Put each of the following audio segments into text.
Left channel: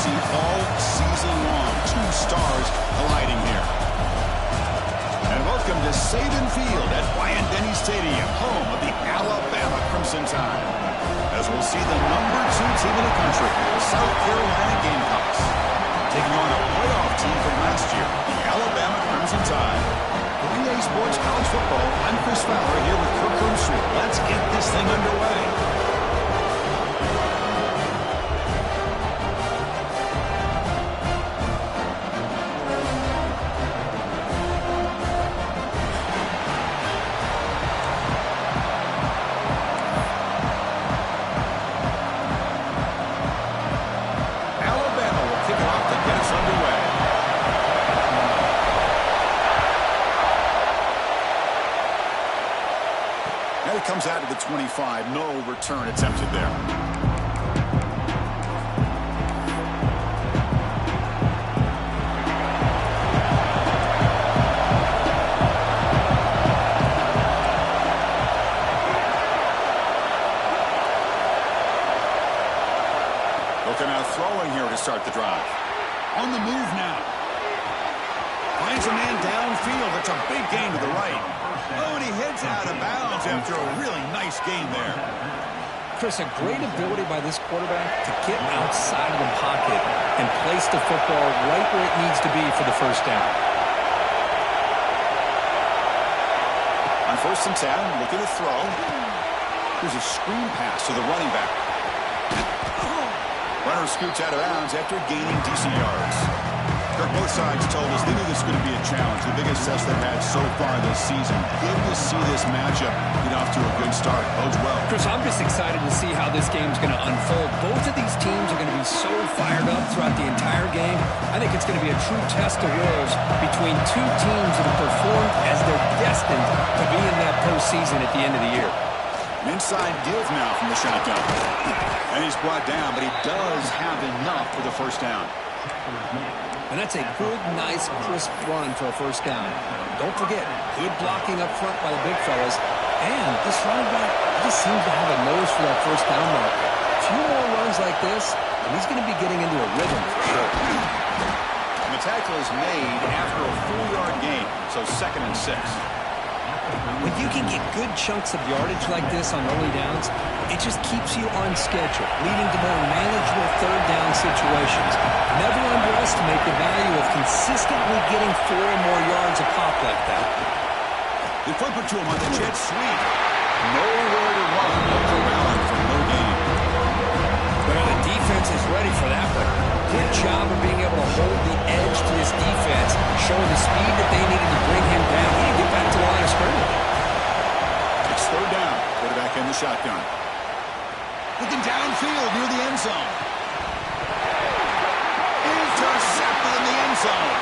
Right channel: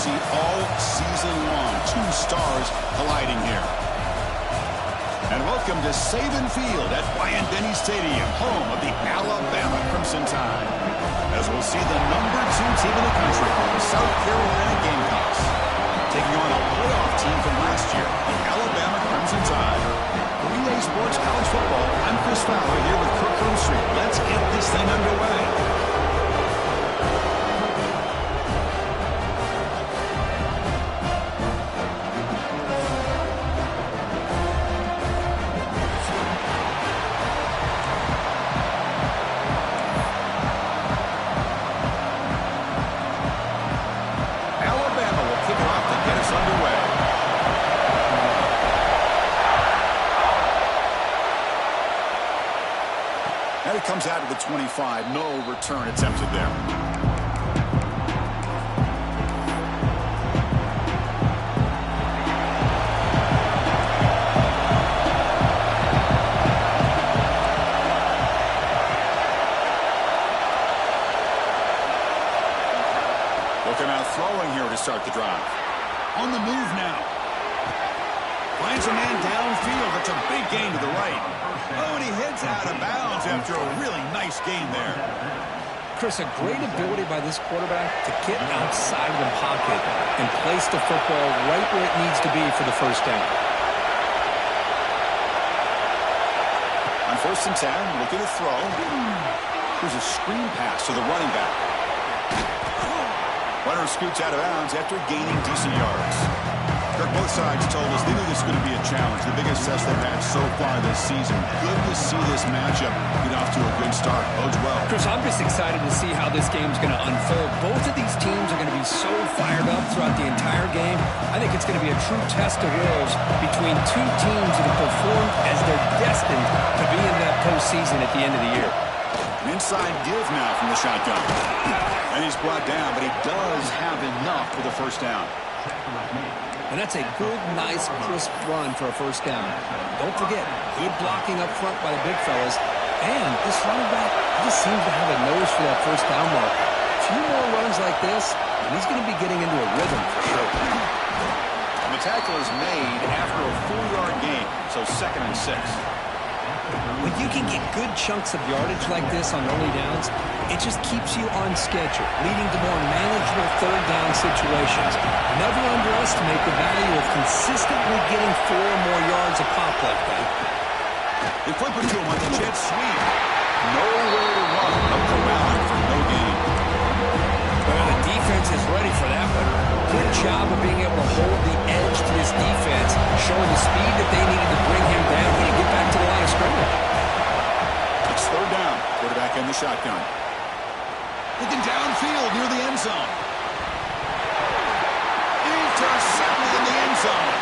see all season long. Two stars colliding here. And welcome to Saban Field at Bryant-Denny Stadium, home of the Alabama Crimson Tide. As we'll see the #2 team in the country, the South Carolina Gamecocks, taking on a playoff team from last year, the Alabama Crimson Tide. For EA Sports College Football, I'm Chris Fowler here with Kirk Herbstreit. Let's get this thing underway. And it comes out of the 25. No return attempted there. Looking out throwing here to start the drive. On the move now. Finds a man downfield. It's a big gain to the right. Oh, and he heads out of bounds after a really nice gain there. Chris, a great ability by this quarterback to get outside of the pocket and place the football right where it needs to be for the first down. On 1st and 10, looking to throw. Here's a screen pass to the running back. Runner scoots out of bounds after gaining decent yards. Both sides told us they knew this was going to be a challenge, the biggest test they've had so far this season. Good to see this matchup get off to a good start. Bodes well. Chris, I'm just excited to see how this game's going to unfold. Both of these teams are going to be so fired up throughout the entire game. I think it's going to be a true test of wills between two teams that have performed as they're destined to be in that postseason at the end of the year. An inside give now from the shotgun. And he's brought down, but he does have enough for the first down. And that's a good, nice, crisp run for a first down. Don't forget, good blocking up front by the big fellas. And this running back just seems to have a nose for that first down mark. A few more runs like this, and he's going to be getting into a rhythm for sure. And the tackle is made after a 4-yard gain, so 2nd and 6. When you can get good chunks of yardage like this on early downs, it just keeps you on schedule, leading to more manageable third down situations. Never underestimate the value of consistently getting 4 or more yards a pop like that. They flip it to him on the jet sweep. Nowhere to run. They'll corral him for no gain. Well, the defense is ready for that one. Good job of being able to hold the edge to this defense, showing the speed that they needed to bring him down. He didn't get back to the line of scrimmage. It's 3rd down. Quarterback in the shotgun. Looking downfield near the end zone. Intercepted in the end zone.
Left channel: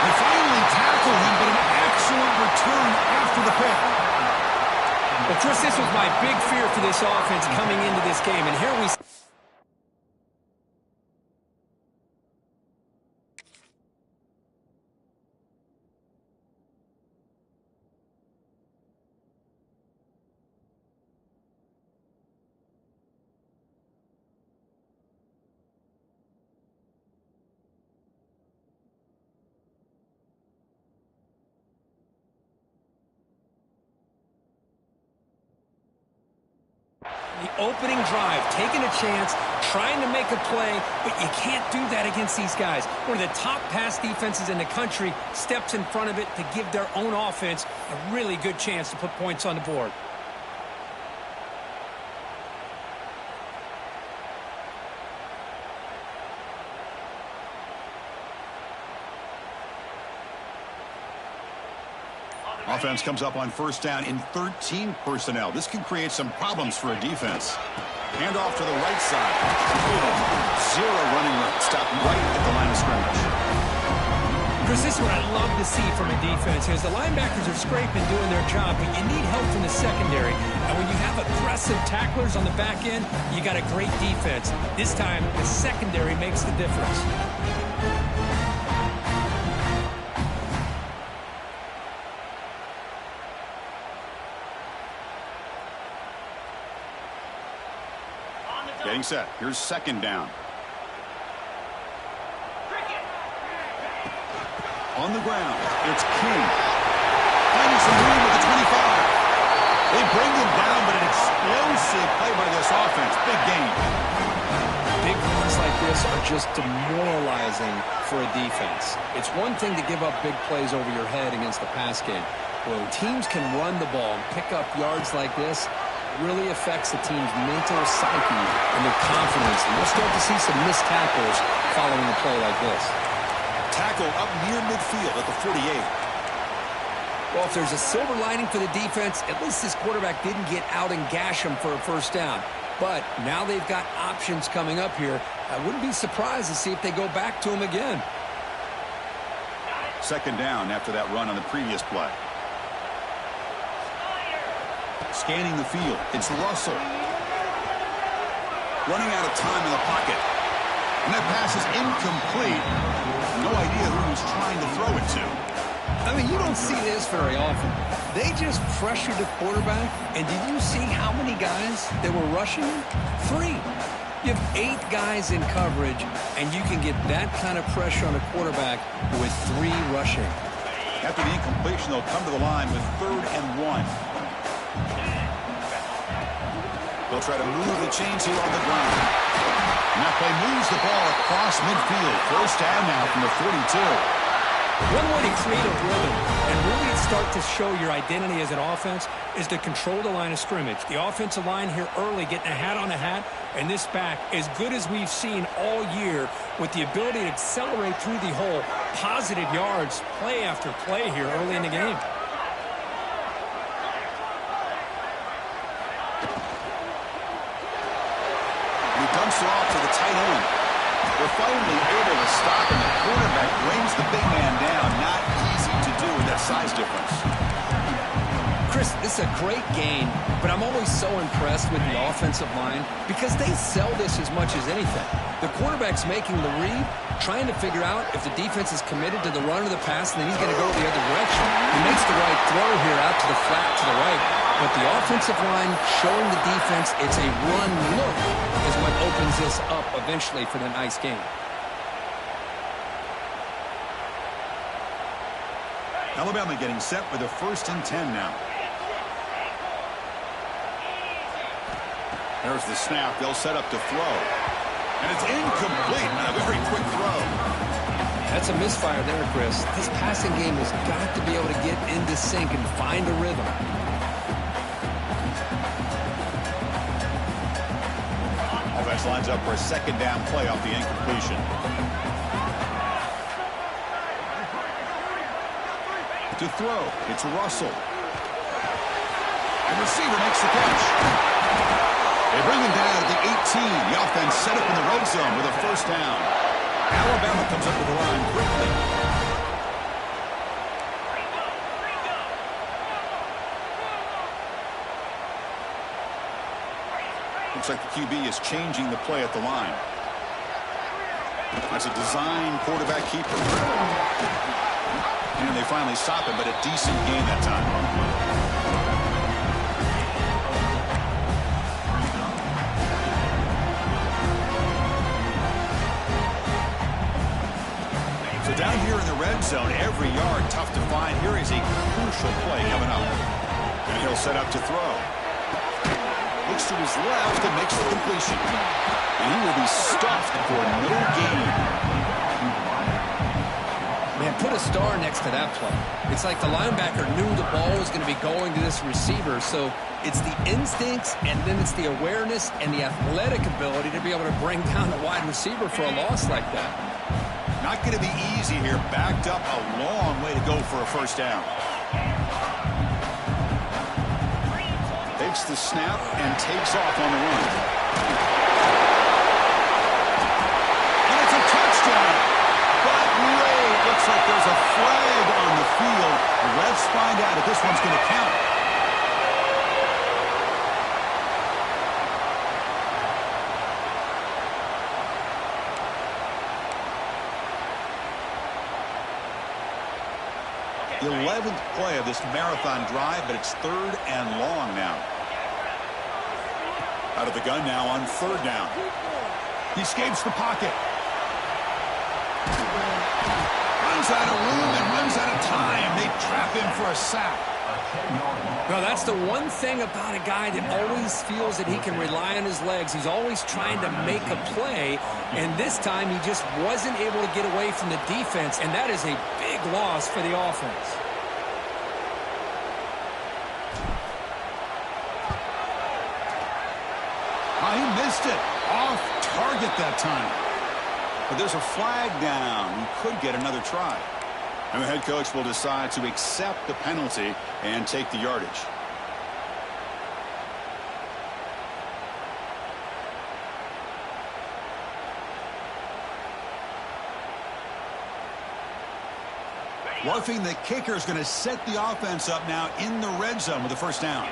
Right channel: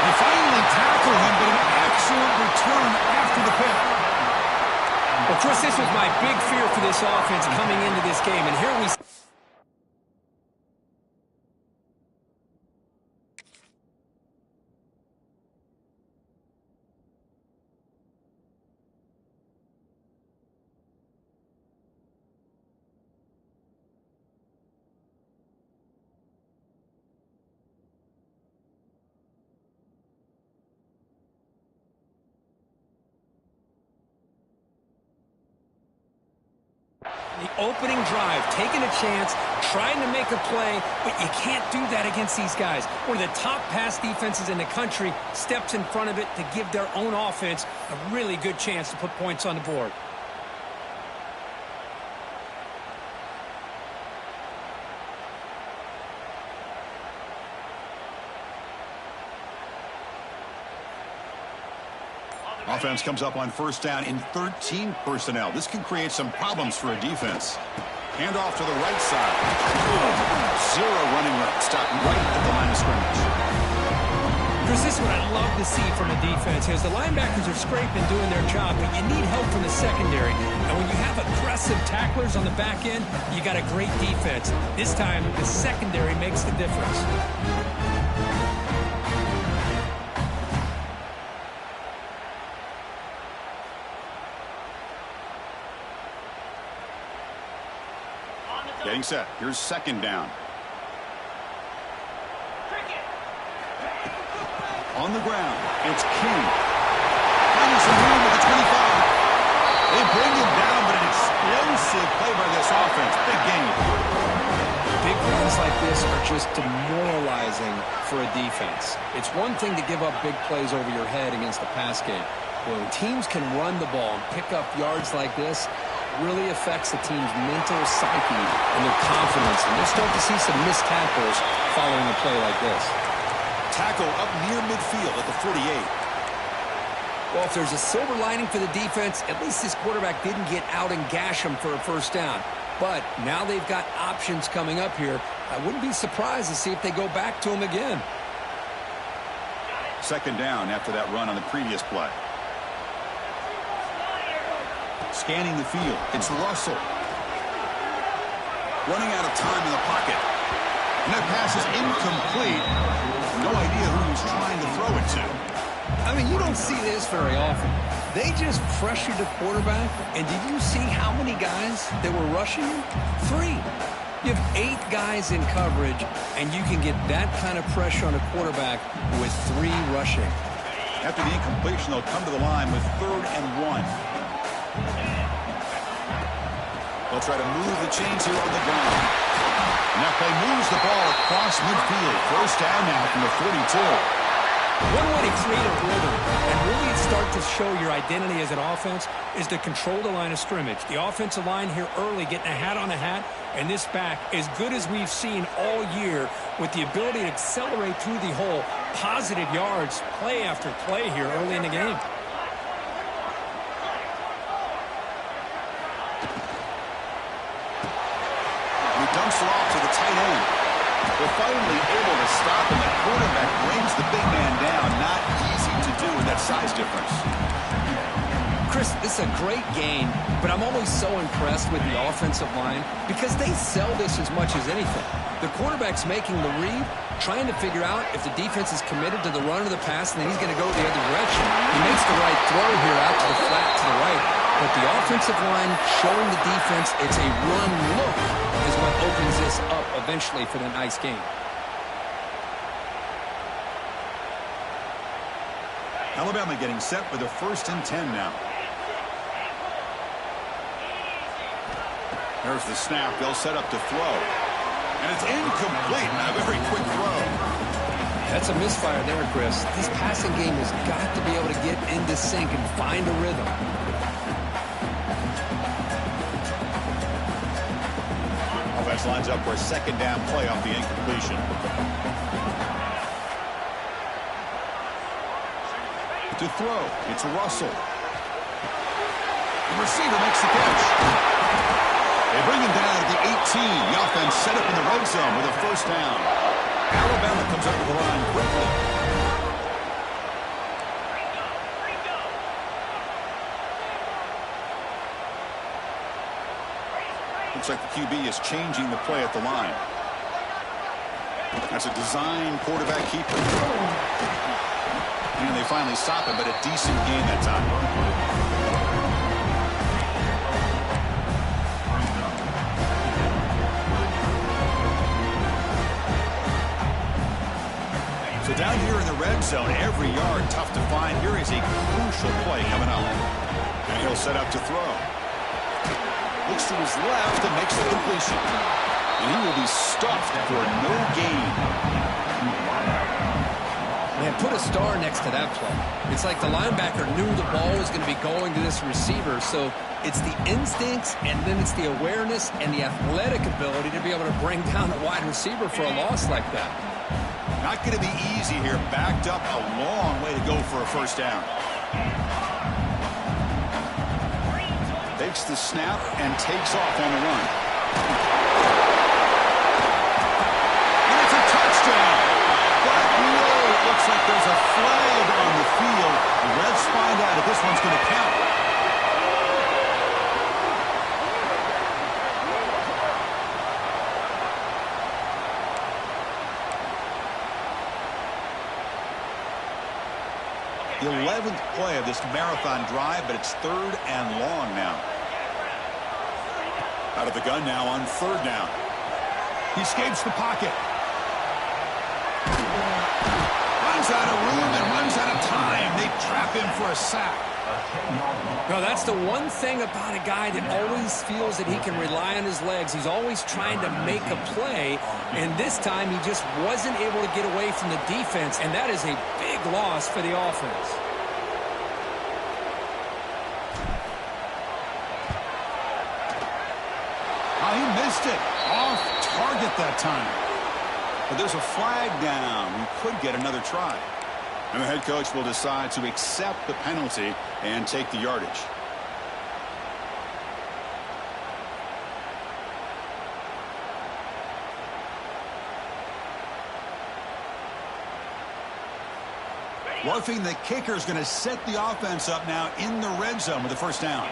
They finally tackle him, but an excellent return after the pick. Well, Chris, this was my big fear for this offense coming into this game, and here we... The opening drive, taking a chance, trying to make a play, but you can't do that against these guys. One of the top pass defenses in the country steps in front of it to give their own offense a really good chance to put points on the board. Offense comes up on 1st down in 13 personnel. This can create some problems for a defense. Hand off to the right side. 0 running room. Stopped right at the line of scrimmage. Chris, this is what I love to see from a defense. As the linebackers are scraping, doing their job, but you need help from the secondary. And when you have aggressive tacklers on the back end, you got a great defense. This time, the secondary makes the difference. Getting set. Here's second down. On the ground, it's King. Finding some room at the 25. They bring him down, but an explosive play by this offense. Big gain. Big runs like this are just demoralizing for a defense. It's one thing to give up big plays over your head against the pass game. When teams can run the ball and pick up yards like this, it really affects the team's mental psyche and their confidence. And you'll start to see some missed tackles following a play like this. Tackle up near midfield at the 48. Well, if there's a silver lining for the defense, at least this quarterback didn't get out and gash him for a first down. But now they've got options coming up here. I wouldn't be surprised to see if they go back to him again. Second down after that run on the previous play. Scanning the field. It's Russell. Running out of time in the pocket. And that pass is incomplete. No idea who he was trying to throw it to. I mean, you don't see this very often. They just pressured the quarterback, and did you see how many guys that were rushing him? 3. You have 8 guys in coverage, and you can get that kind of pressure on a quarterback with 3 rushing. After the incompletion, they'll come to the line with 3rd and 1. They'll try to move the chains here on the ground. And that play moves the ball across midfield. First down now from the 42. One way to create a rhythm and really start to show your identity as an offense is to control the line of scrimmage. The offensive line here early getting a hat on a hat, and this back as good as we've seen all year with the ability to accelerate through the hole. Positive yards, play after play here early in the game. He dumps it off to the tight end. They're finally able to stop, and the quarterback brings the big man down. Not easy to do with that size difference. Chris, this is a great game, but I'm always so impressed with the offensive line because they sell this as much as anything. The quarterback's making the read, trying to figure out if the defense is committed to the run or the pass, and then he's going to go the other direction. He makes the right throw here out to the flat to the right, but the offensive line showing the defense it's a run look is what opens this up eventually for the nice game. Alabama getting set with a 1st and 10 now. There's the snap. They'll set up to throw. And it's incomplete. A very quick throw. That's a misfire there, Chris. This passing game has got to be able to get into sync and find a rhythm. Offense lines up for a 2nd down play off the incompletion. To throw, it's Russell. The receiver makes the catch. They bring him down at the 18. The offense set up in the red zone with a 1st down. Alabama comes up to the line quickly. Looks like the QB is changing the play at the line. That's a design quarterback keeper. And they finally stop him, but a decent gain that time. So down here in the red zone, every yard tough to find. Here is a crucial play coming up. And he'll set up to throw. Looks to his left and makes the completion. And he will be stuffed for no gain. Man, put a star next to that play. It's like the linebacker knew the ball was going to be going to this receiver. So it's the instincts, and then it's the awareness and the athletic ability to be able to bring down a wide receiver for a loss like that. Not going to be easy here. Backed up a long way to go for a 1st down. Takes the snap and takes off on the run. And it's a touchdown. But wait, looks like there's a flag on the field. Let's find out if this one's going to count. The 11th play of this marathon drive, but it's 3rd and long now. Out of the gun now on 3rd down. He escapes the pocket. Runs out of room and runs out of time. They trap him for a sack. Well, that's the one thing about a guy that always feels that he can rely on his legs. He's always trying to make a play, and this time he just wasn't able to get away from the defense, and that is a big loss for the offense. Oh, he missed it. Off target that time. But there's a flag down. He could get another try. And the head coach will decide to accept the penalty and take the yardage. Roughing the kicker is going to set the offense up now in the red zone with the 1st down.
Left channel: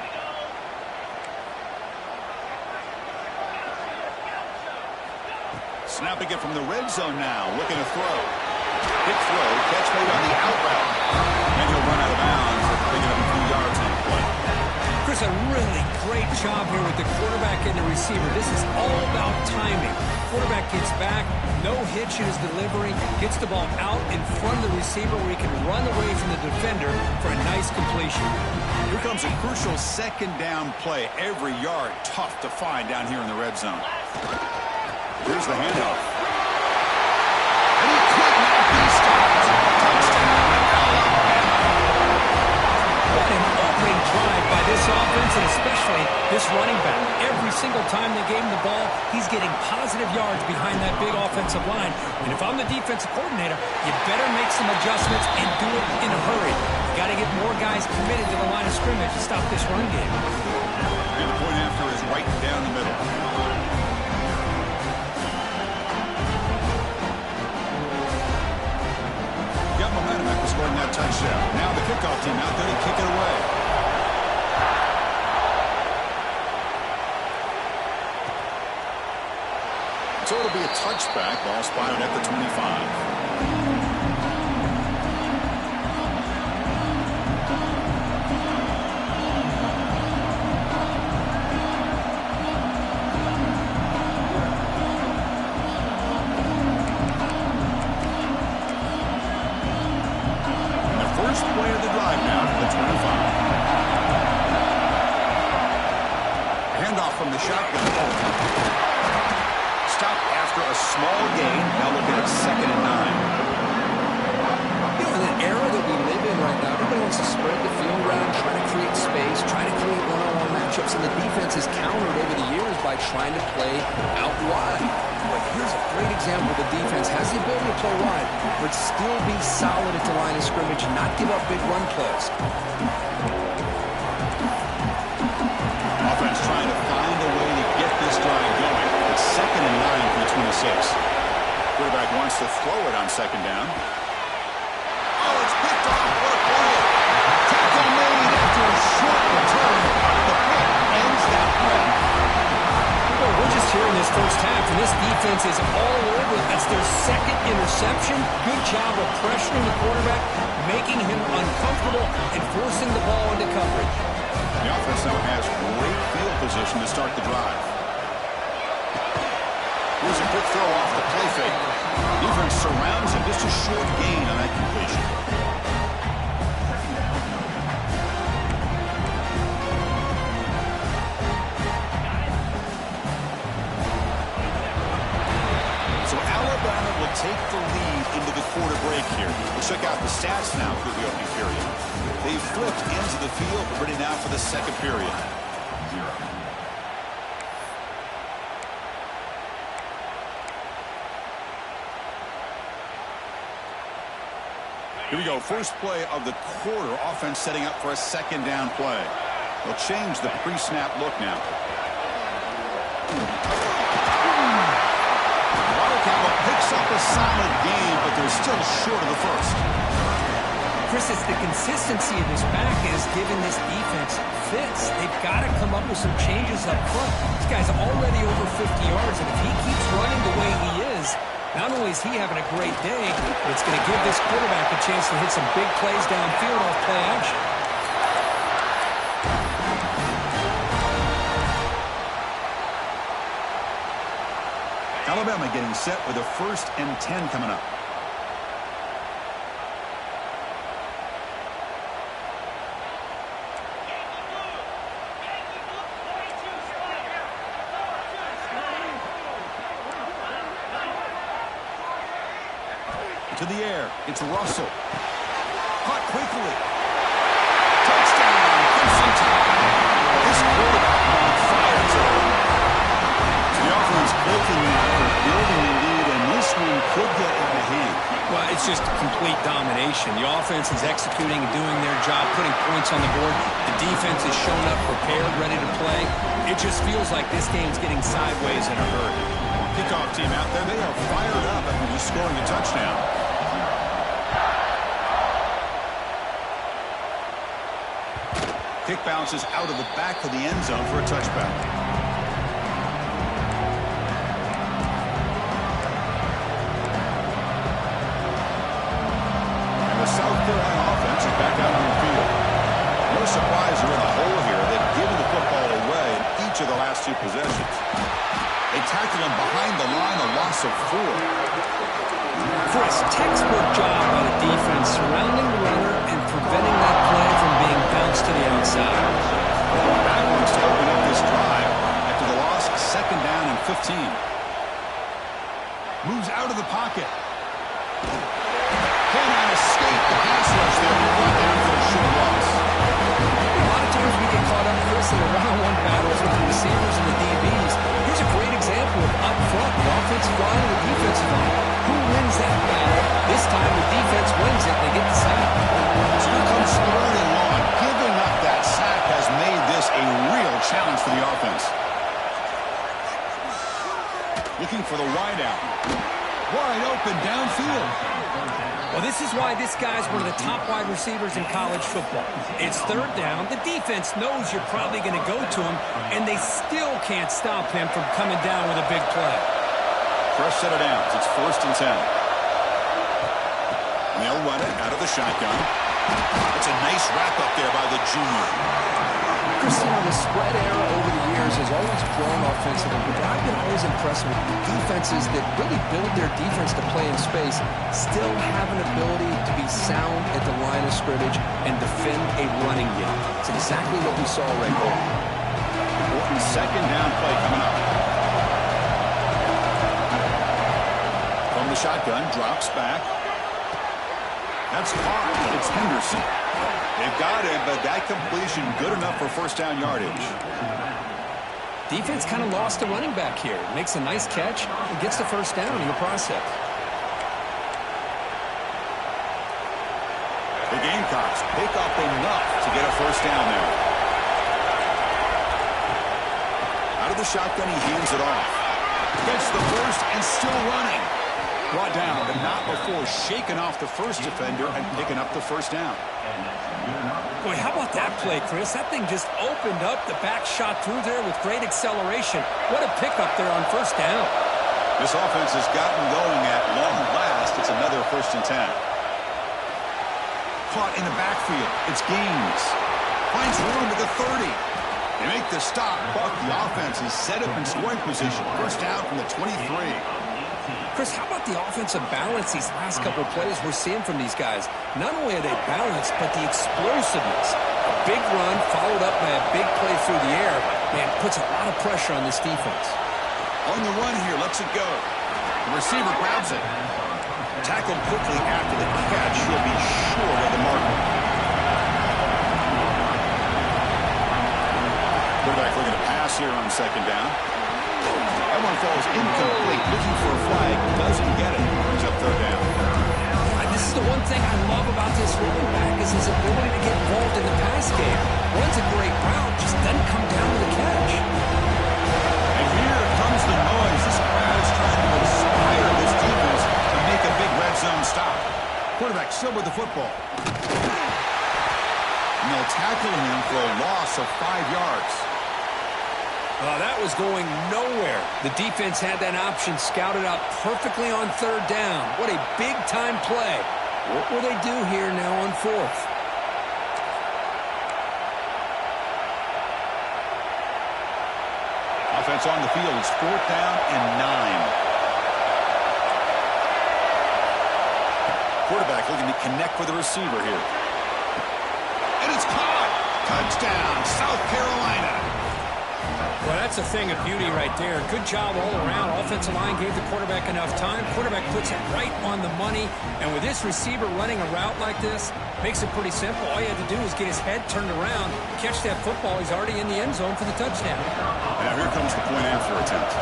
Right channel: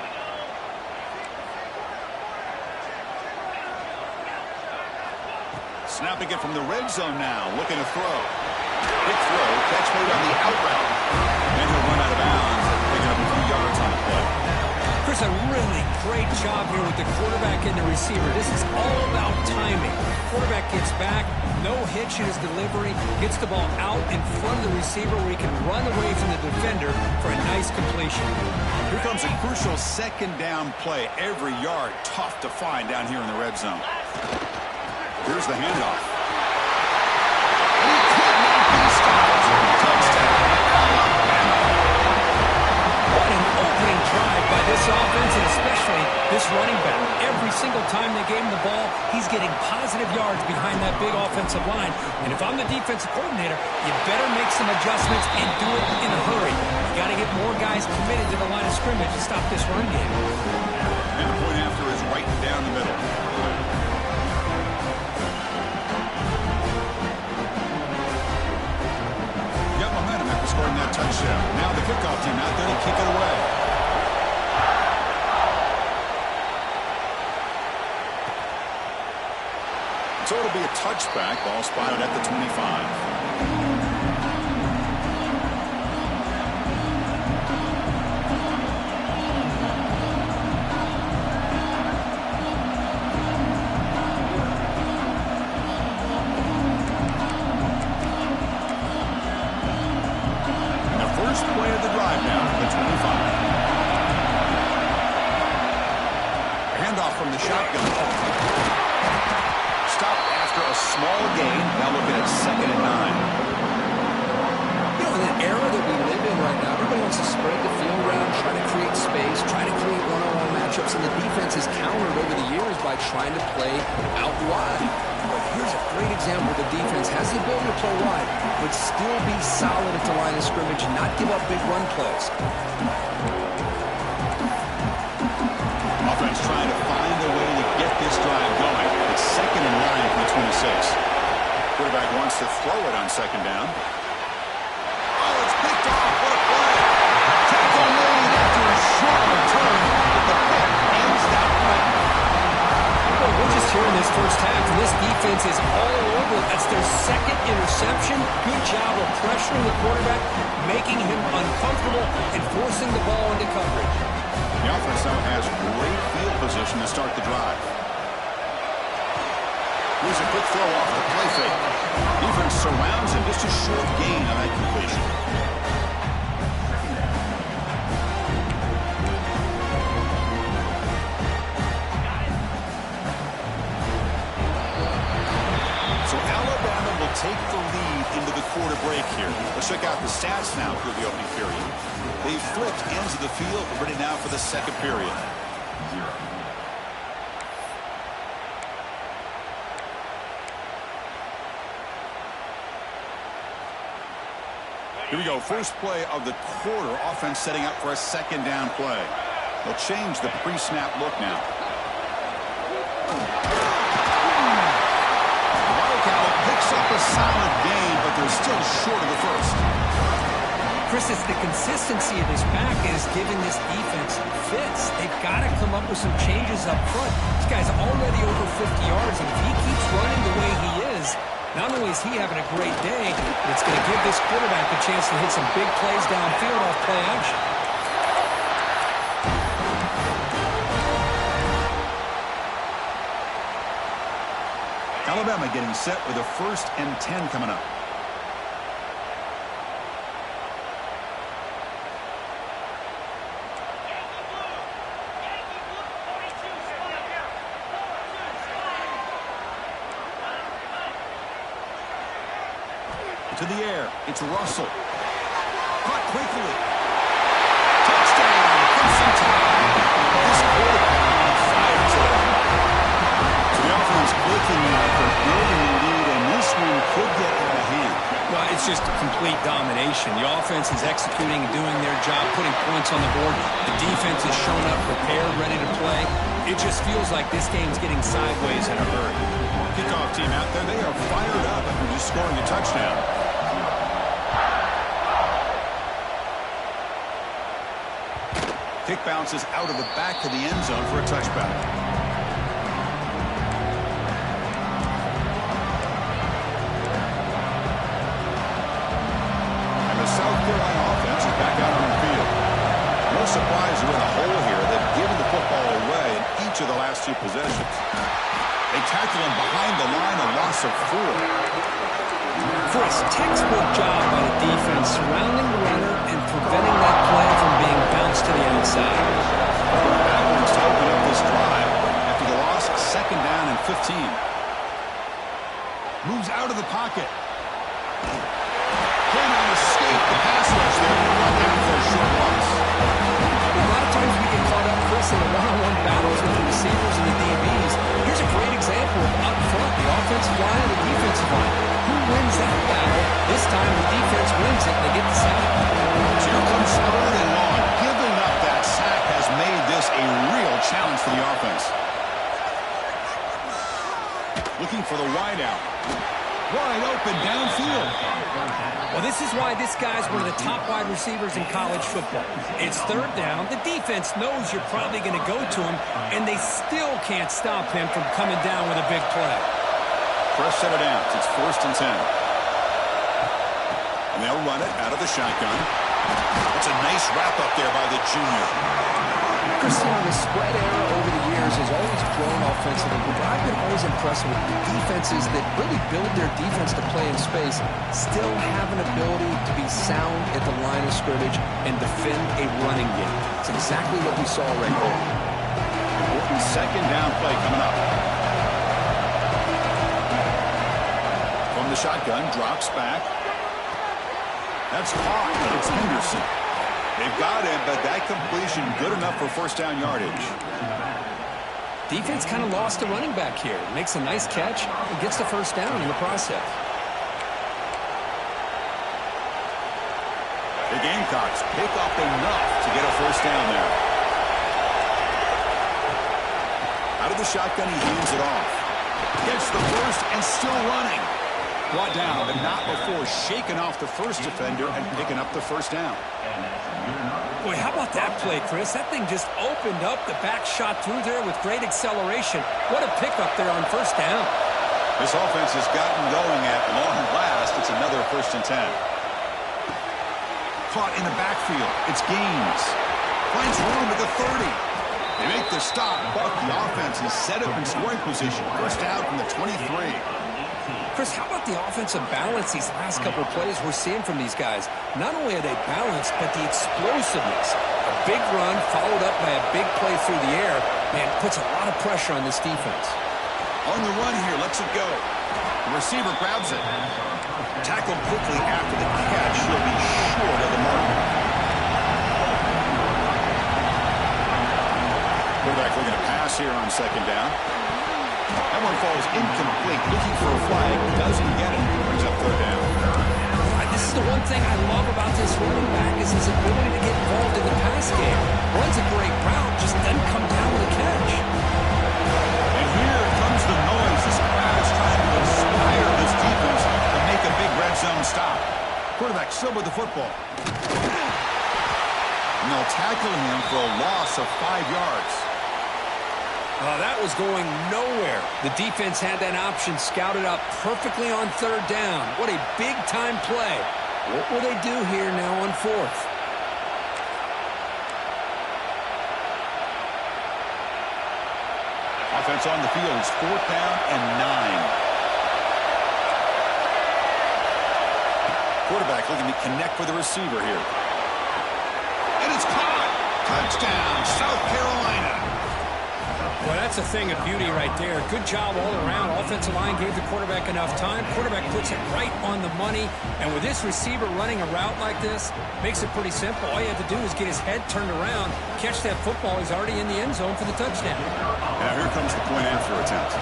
Snapping it from the red zone now, looking to throw. Quick throw, catch made on the out route. And he'll run out of bounds after picking up a few yards on the play. Chris, a really great job here with the quarterback and the receiver. This is all about timing. Quarterback gets back, no hitch in his delivery, gets the ball out in front of the receiver where he can run away from the defender for a nice completion. Here comes a crucial 2nd down play. Every yard tough to find down here in the red zone. Here's the handoff. And he could not be stopped. Touchdown, Alabama. What an opening drive by this offense, and especially this running back. Every single time they gave him the ball, he's getting positive yards behind that big offensive line. And if I'm the defensive coordinator, you better make some adjustments and do it in a hurry. You got to get more guys committed to the line of scrimmage to stop this run game. And the point after is right down the middle. Got momentum after scoring that touchdown. Now the kickoff team out there to kick it away. So it'll be a touchback. Ball spotted at the 25. Play of the drive now for the 25. Handoff from the shotgun. Stop after a small gain. Now looking at 2nd and 9. You know, in the era that we live in right now, everybody wants to spread the field around, try to create space, try to create one-on-one matchups, and the defense has countered over the years by trying to play out wide. But here's a great example. The defense has the ability to play wide, but still be solid at the line of scrimmage and not give up big run plays. Offense trying to find a way to get this drive going. It's 2nd and 9 from the 26. Quarterback wants to throw it on 2nd down. Oh, it's picked off. What a play. Tackle made after a short return. The pick ends that play. Well, we're just here in this first half, and this defense is all over. That's their 2nd interception. Good job of pressuring the quarterback, making him uncomfortable, and forcing the ball into coverage. The offense now has great field position to start the drive. Here's a quick throw off the play fake. Defense surrounds him. Just a short gain on that completion. So Alabama will take the lead into the quarter break here. Let's check out the stats now through the opening period. They flipped ends of the field, but ready now for the 2nd period. Here we go. First play of the quarter. Offense setting up for a 2nd down play. They'll change the pre-snap look now. Wildcat picks up a solid gain, but they're still short of the 1st. Chris, it's the consistency of this back is giving this defense fits. They've got to come up with some changes up front. This guy's already over 50 yards, and if he keeps running the way he is, not only is he having a great day, but it's going to give this quarterback a chance to hit some big plays downfield off play action. Alabama getting set with a 1st and 10 coming up. To the air. It's Russell. Caught quickly. Touchdown, Crimson Tide. This quarterback on fire today. So the offense looking for building a lead, and this one could get out of hand. Well, it's just complete domination. The offense is executing and doing their job, putting points on the board. The defense is shown up, prepared, ready to play. It just feels like this game's getting sideways in a hurry. Kickoff team out there, they are fired up after just scoring a touchdown. Kick bounces out of the back to the end zone for a touchback. And the South Carolina offense is back out on the field. No surprise they're in a hole here. They've given the football away in each of the last 2 possessions. They tackle him behind the line, a loss of 4. Chris, textbook job by the defense surrounding the runner and preventing that play from being bounced to the outside. Backwards to open up this drive after the loss, 2nd down and 15. Moves out of the pocket. Cannot escape the pass rush there. Brought down for a short loss. A lot of times we get caught up, Chris, in the one-on-one battles with the receivers and the DBs. Here's a great example of up front, the offensive line and the defensive line. Who wins that battle? This time the defense wins it and they get the sack. So here comes 3rd and long. Giving up that sack has made this a real challenge for the offense. Looking for the wideout. Wide open downfield. Well, this is why this guy's one of the top wide receivers in college football. It's 3rd down. The defense knows you're probably going to go to him, and they still can't stop him from coming down with a big play. Fresh set of downs. It's 1st and 10. And they'll run it out of the shotgun. That's a nice wrap up there by the junior. Chris, you know, the spread era over the years has always grown offensively, but I've been always impressed with defenses that really build their defense to play in space, still have an ability to be sound at the line of scrimmage and defend a running game. It's exactly what we saw right there. Important 2nd down play coming up. From the shotgun, drops back. That's caught, but it's Henderson. They've got him, but that completion good enough for 1st down yardage. Defense kind of lost the running back here. Makes a nice catch and gets the 1st down in the process. The Gamecocks pick up enough to get a 1st down there. Out of the shotgun, he hands it off. Gets the 1st and still running. Brought down, but not before shaking off the first defender and picking up the 1st down. Boy, how about that play, Chris? That thing just opened up. The back shot through there with great acceleration. What a pickup there on 1st down. This offense has gotten going at long last. It's another 1st and 10. Caught in the backfield. It's Gaines. Finds room at the 30. They make the stop, but the offense is set up in scoring position. 1st down from the 23. Chris, how about the offensive balance these last couple of plays we're seeing from these guys? Not only are they balanced, but the explosiveness. A big run followed up by a big play through the air, man, puts a lot of pressure on this defense. On the run here, lets it go. The receiver grabs it. Tackled quickly after the catch. He'll be short of the marker. Quarterback looking to pass here on 2nd down. That one falls incomplete. Looking for a flag. Doesn't get it. Brings up 3rd down. This is the one thing I love about this running back is his ability to get involved in the pass game. Runs a great route, just doesn't come down with a catch. And here comes the noise. This crowd is trying to inspire this defense to make a big red zone stop. Quarterback still with the football. And they'll tackle him for a loss of 5 yards. That was going nowhere. The defense had that option scouted out perfectly on 3rd down. What a big-time play. What will they do here now on 4th? Offense on the field is 4th down and 9. Quarterback looking to connect with the receiver here. And it's caught. Touchdown, South Carolina. Well, that's a thing of beauty right there. Good job all around. Offensive line gave the quarterback enough time. Quarterback puts it right on the money. And with this receiver running a route like this, makes it pretty simple. All you have to do is get his head turned around, catch that football. He's already in the end zone for the touchdown. Now here comes the point after attempt.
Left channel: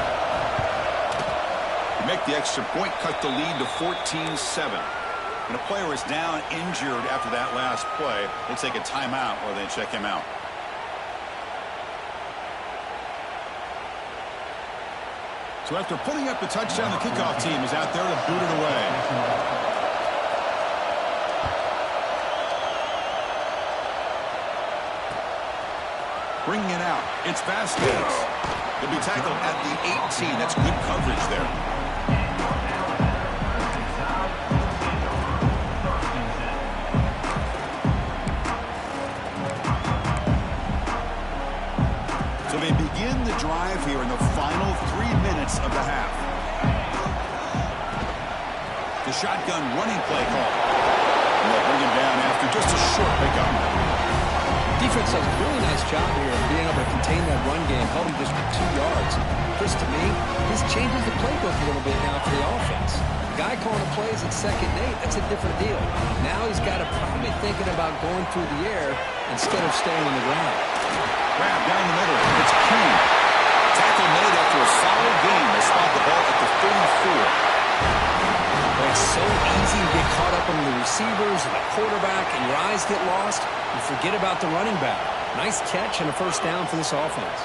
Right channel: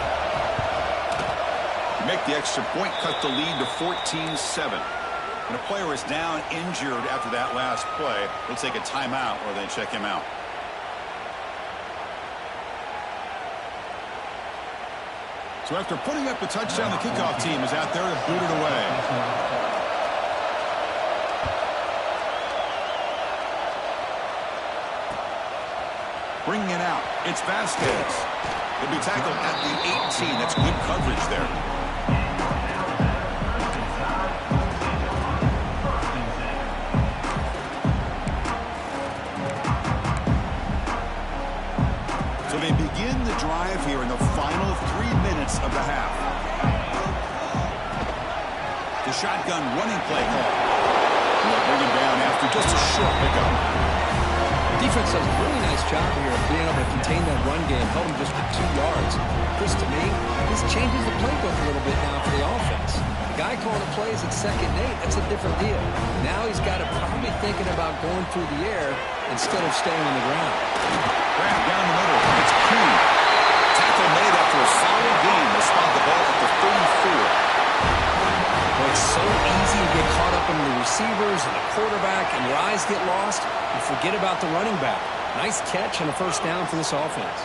Make the extra point, cut the lead to 14-7. When a player is down injured after that last play, we'll take a timeout or they check him out. So after putting up the touchdown, the kickoff team is out there to boot it away. Bringing it out, it's Vasquez. He'll be tackled at the 18. That's good coverage there. So they begin the drive here in the final 3 minutes of the half. The shotgun running play call. And they'll bring him down after just a short pickup. Defense does a really nice job here of being able to contain that run game, held him just for 2 yards. Chris, to me, this changes the playbook a little bit now for the offense. The guy calling the plays at 2nd and 8, that's a different deal. Now he's got to probably thinking about going through the air instead of staying on the ground. Grab down the middle. It's King. Tackle made after a solid game. They spot the ball at the 34. Boy, it's so easy to get caught up in the receivers and the quarterback, and your eyes get lost. You forget about the running back. Nice catch and a first down for this offense.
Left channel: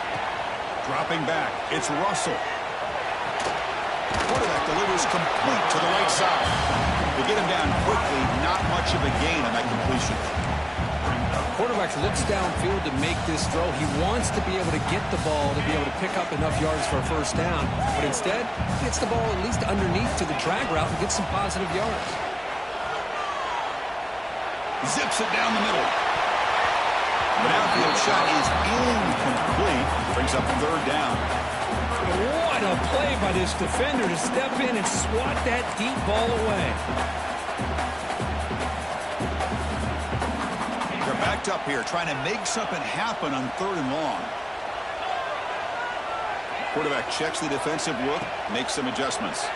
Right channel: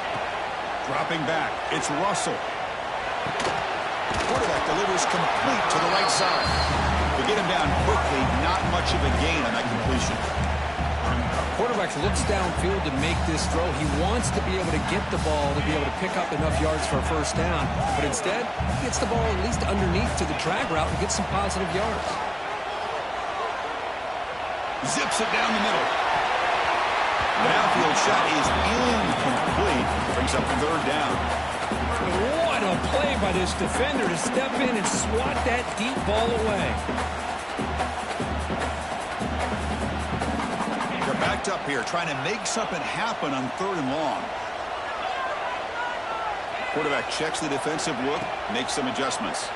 Dropping back, it's Russell. Quarterback delivers complete to the right side. To get him down quickly, not much of a gain on that completion. Quarterback looks downfield to make this throw. He wants to be able to get the ball to be able to pick up enough yards for a first down. But instead, he gets the ball at least underneath to the drag route and gets some positive yards. Zips it down the middle. The downfield shot is incomplete. Brings up 3rd down. What a play by this defender to step in and swat that deep ball away. They're backed up here, trying to make something happen on 3rd and long. Quarterback checks the defensive look, makes some adjustments.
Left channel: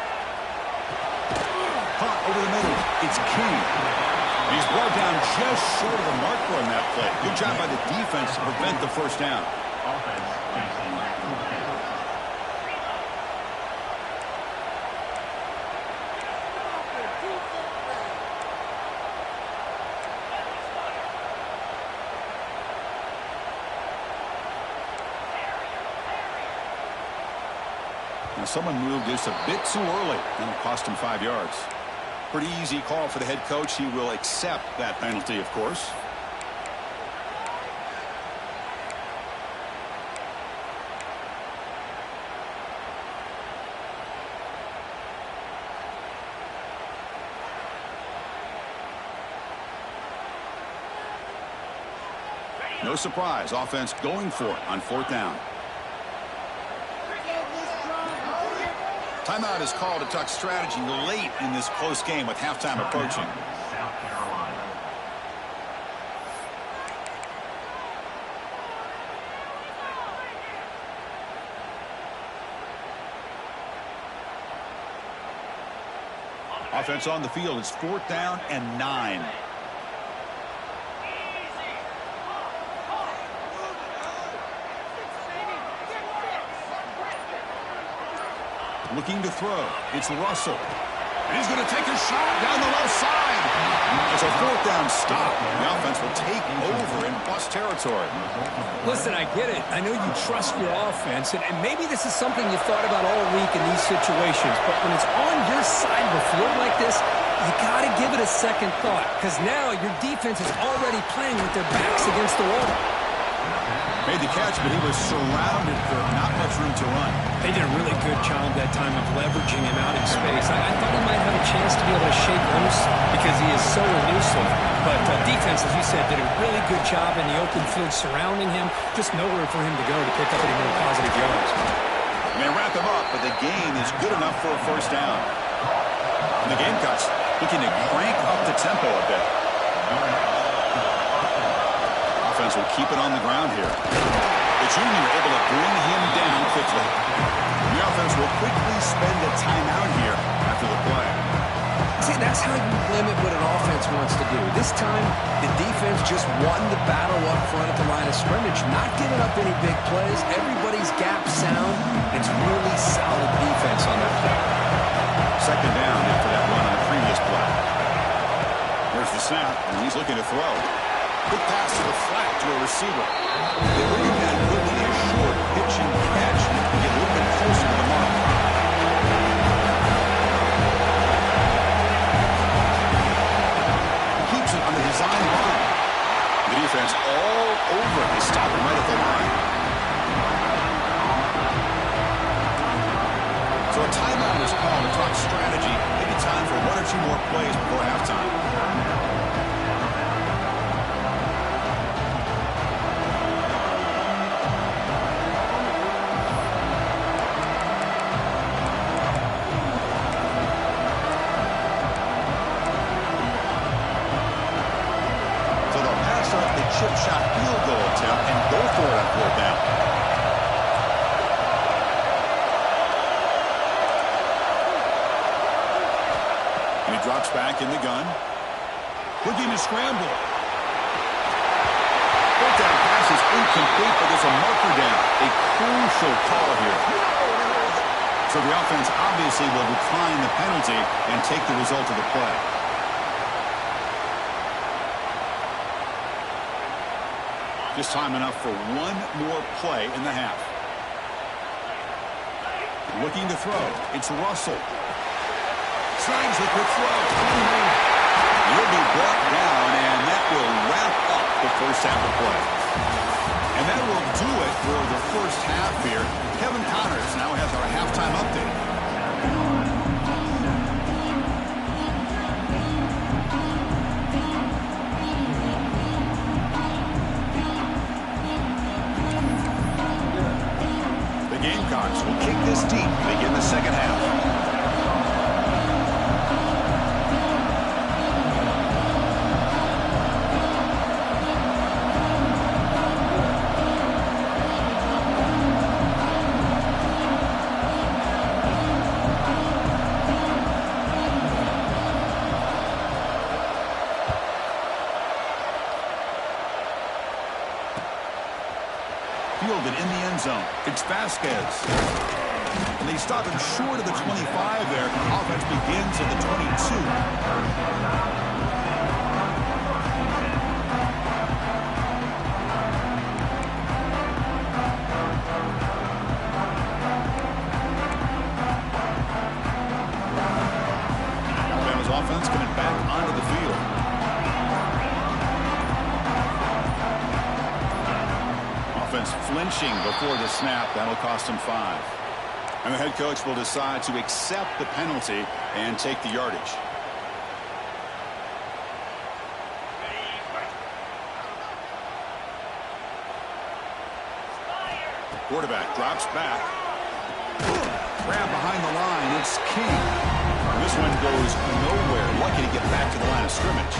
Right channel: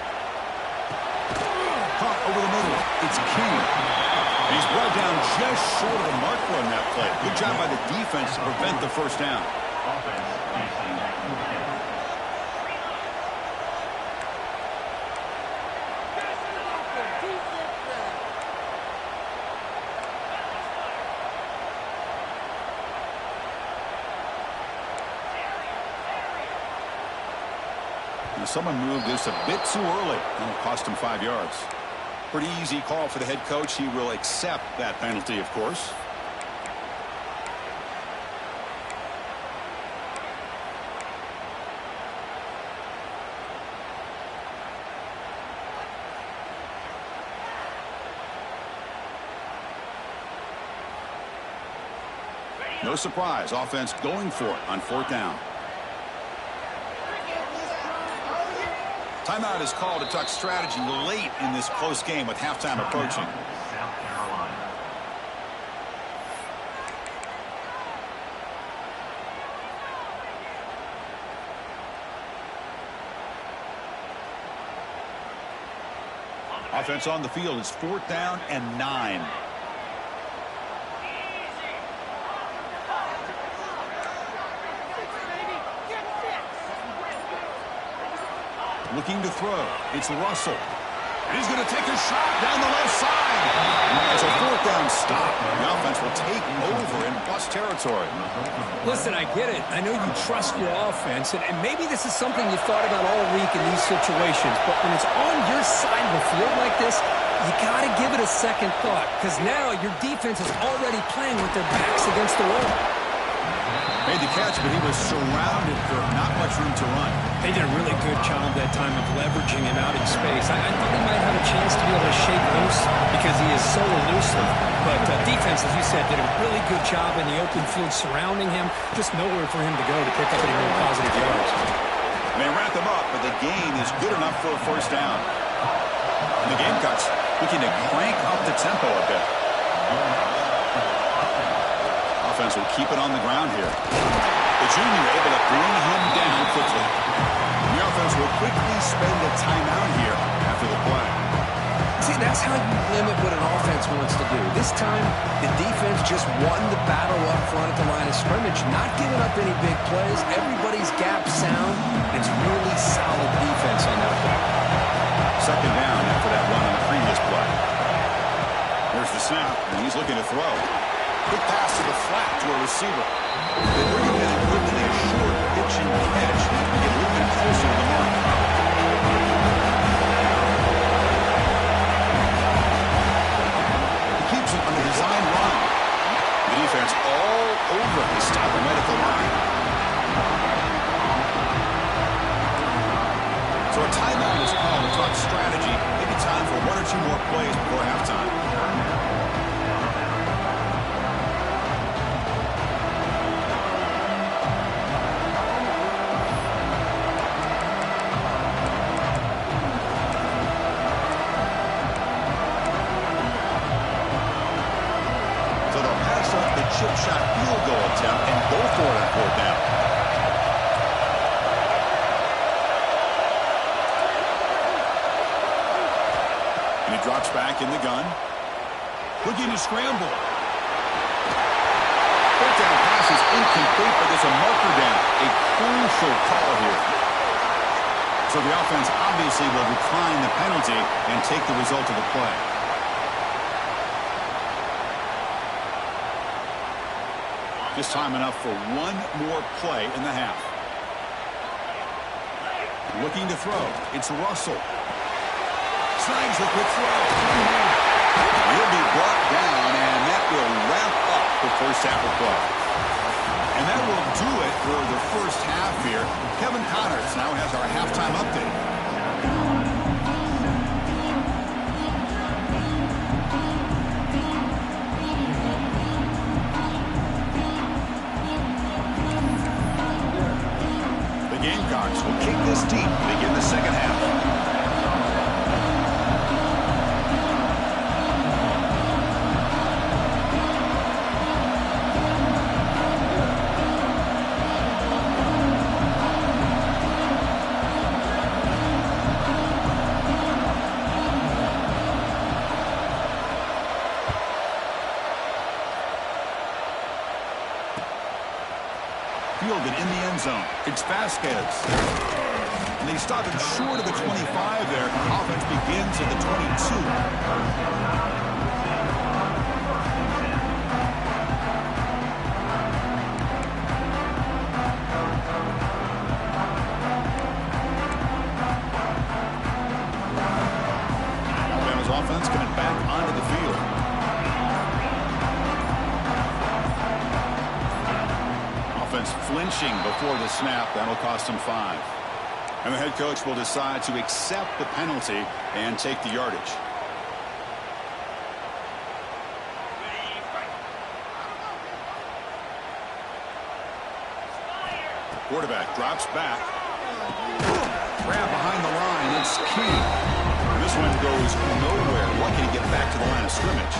Caught over the middle. It's King. And he's brought down just short of the marker on that play. Good job by the defense to prevent the first down. Now someone moved just a bit too early. That'll cost him 5 yards. Pretty easy call for the head coach. He will accept that penalty, of course. No surprise, offense going for it on 4th down. Timeout is called to talk strategy late in this close game with halftime approaching. South Carolina. Offense on the field is 4th down and 9. Looking to throw. It's Russell. And he's going to take a shot down the left side. It's a 4th down stop. The offense will take over in bust territory. Listen, I get it. I know you trust your offense, and maybe this is something you thought about all week in these situations, but when it's on your side of the field like this, you got to give it a second thought, because now your defense is already playing with their backs against the wall. Made the catch, but he was surrounded for not much room to run. They did a really good job that time of leveraging him out in space. I thought he might have a chance to be able to shake loose because he is so elusive. But defense, as you said, did a really good job in the open field surrounding him. Just nowhere for him to go to pick up any more positive yards. They wrap him up, but the gain is good enough for a first down. And the Gamecocks looking to crank up the tempo a bit. Offense will keep it on the ground here. The junior able to bring him down quickly. The offense will quickly spend a timeout here after the play. See, that's how you limit what an offense wants to do. This time, the defense just won the battle up front at the line of scrimmage, not giving up any big plays. Everybody's gap sound. It's really solid defense on that play. Second down after that run on the previous play. Here's the snap, and he's looking to throw. Quick pass to the flat to a receiver. They bring him down quickly, a short pitch and catch to get a little bit closer to the mark. He keeps it on the design run. The defense all over. They stop him right at the line. So a timeout is called to talk strategy. Maybe time for one or two more plays before halftime. Chip shot field goal attempt and go for it on fourth down. And he drops back in the gun. Looking to scramble. Fourth down pass is incomplete, but there's a marker down. A crucial call here. So the offense obviously will decline the penalty and take the result of the play. Just time enough for one more play in the half. Looking to throw. It's Russell. Snags the quick throw. He'll be brought down, and that will wrap up the first half of play. And that will do it for the first half here. Kevin Connors now has our halftime update. Gamecocks will kick this deep to begin the second half. Fielded in the end zone. It's Vasquez. And they stop him short of the 25 there. Offense begins at the 22. Alabama's offense coming back onto the field. Flinching before the snap. That'll cost him 5. And the head coach will decide to accept the penalty and take the yardage. Quarterback drops back. Grab behind the line. It's King. And this one goes nowhere. Lucky to get back to the line of scrimmage.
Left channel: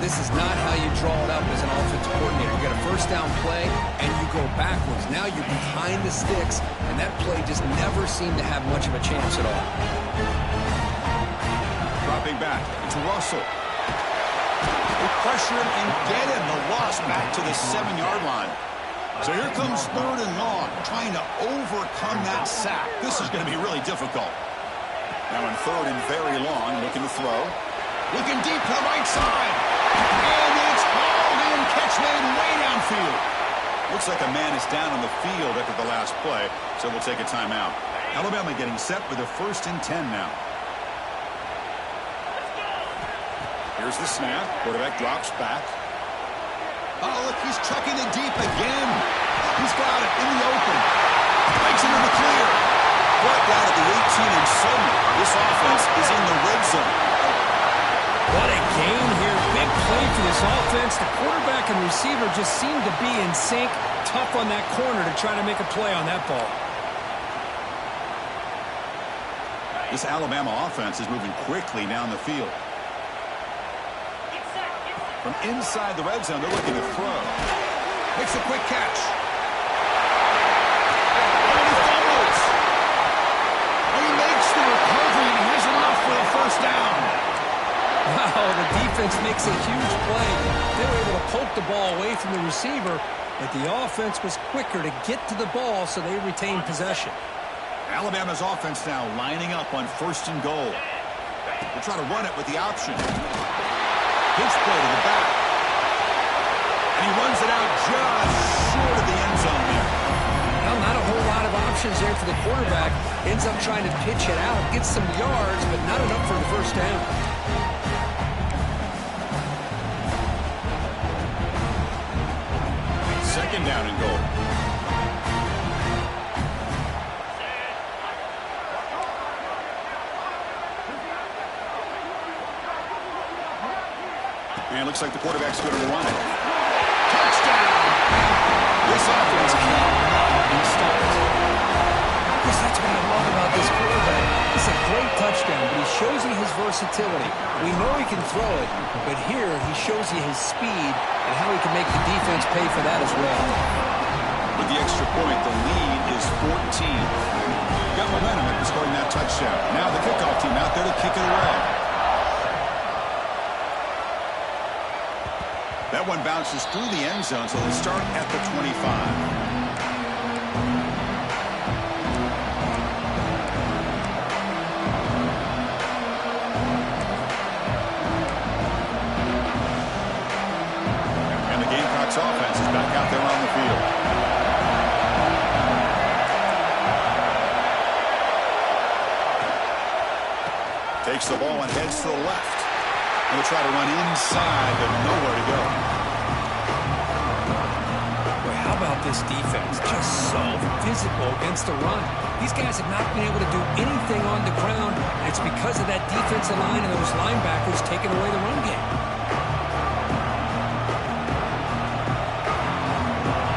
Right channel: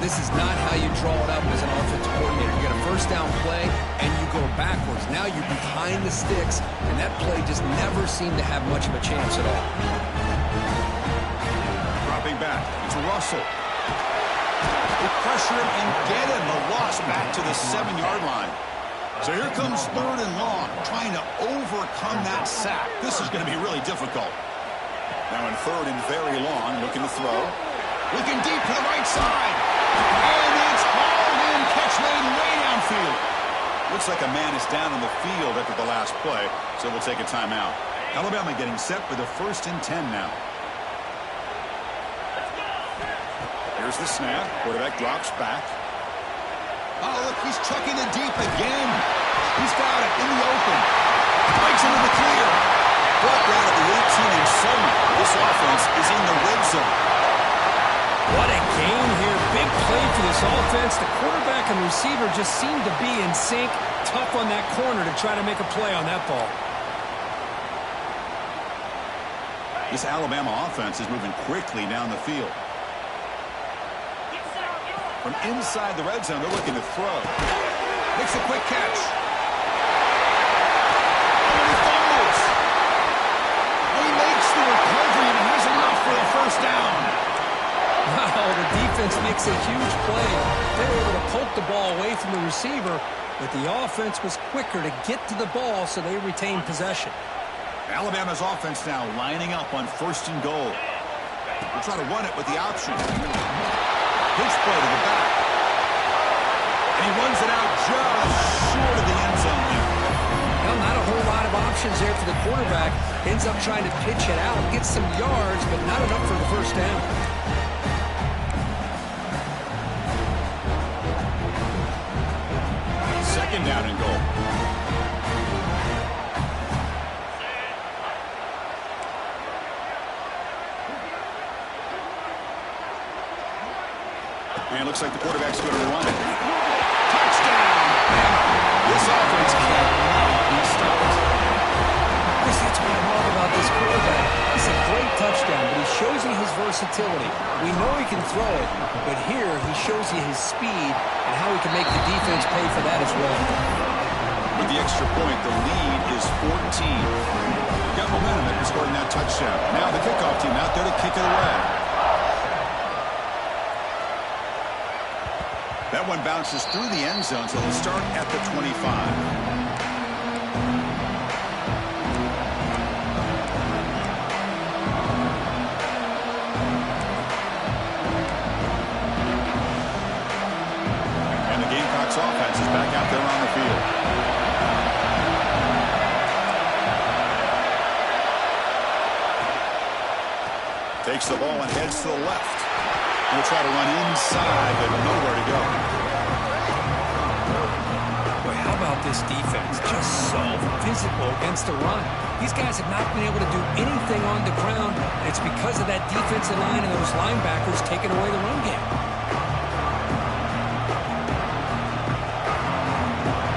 This is not how you draw it up as an offensive coordinator. You get a first down play, and you go backwards. Now you're behind the sticks, and that play just never seemed to have much of a chance at all. Dropping back. It's Russell. They pressure him and get him. The loss back to the 7-yard line. So here comes third and long, trying to overcome that sack. This is going to be really difficult. Now in third and very long, looking to throw. Looking deep to the right side. And it's hauled in. Catch made way downfield. Looks like a man is down on the field after the last play, so we'll take a timeout. Alabama getting set for the 1st and 10 now. Here's the snap. Quarterback drops back. Oh, look, he's chucking it deep again. He's got it in the open. Breaks into the clear. Brought down at the 18, and suddenly this offense is in the red zone. What a game here. Big play for this offense. The quarterback and receiver just seem to be in sync. Tough on that corner to try to make a play on that ball. This Alabama offense is moving quickly down the field. From inside the red zone, they're looking to throw. Makes a quick catch. Oh, and he fumbles. Oh, he makes the recovery and has enough for a first down. Wow, the defense makes a huge play. They were able to poke the ball away from the receiver, but the offense was quicker to get to the ball, so they retained possession. Alabama's offense now lining up on 1st and goal. They'll try to run it with the option. Pitch play to the back. And he runs it out just short of the end zone there. Well, not a whole lot of options there for the quarterback. Ends up trying to pitch it out, gets some yards, but not enough for the first down. Second down and goal. And it looks like the quarterback's going to run it. Touchdown! This offense cannot be stopped. Chris, that's what I love about this quarterback. It's a great touchdown, but he shows you his versatility. We know he can throw it, but here he shows you his speed and how he can make the defense pay for that as well. With the extra point, the lead is 14. Got momentum after scoring that touchdown. Now the kickoff team out there to kick it away. That one bounces through the end zone, so they'll start at the 25. And the Gamecocks offense is back out there on the field. Takes the ball and heads to the left. He'll try to run inside, but nowhere to go. Boy, how about this defense? Just so physical against the run. These guys have not been able to do anything on the ground, and it's because of that defensive line and those linebackers taking away the run game.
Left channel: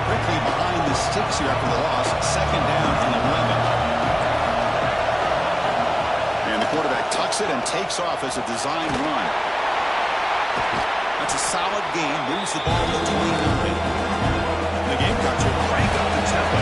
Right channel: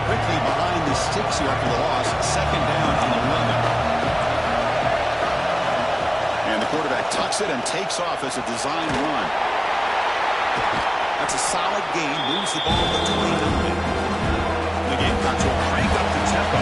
Quickly behind the sticks here after the loss. Second down and 11. And the quarterback tucks it and takes off as a design run. That's a solid gain. Moves the ball to 29. The Gamecocks will crank up the tempo.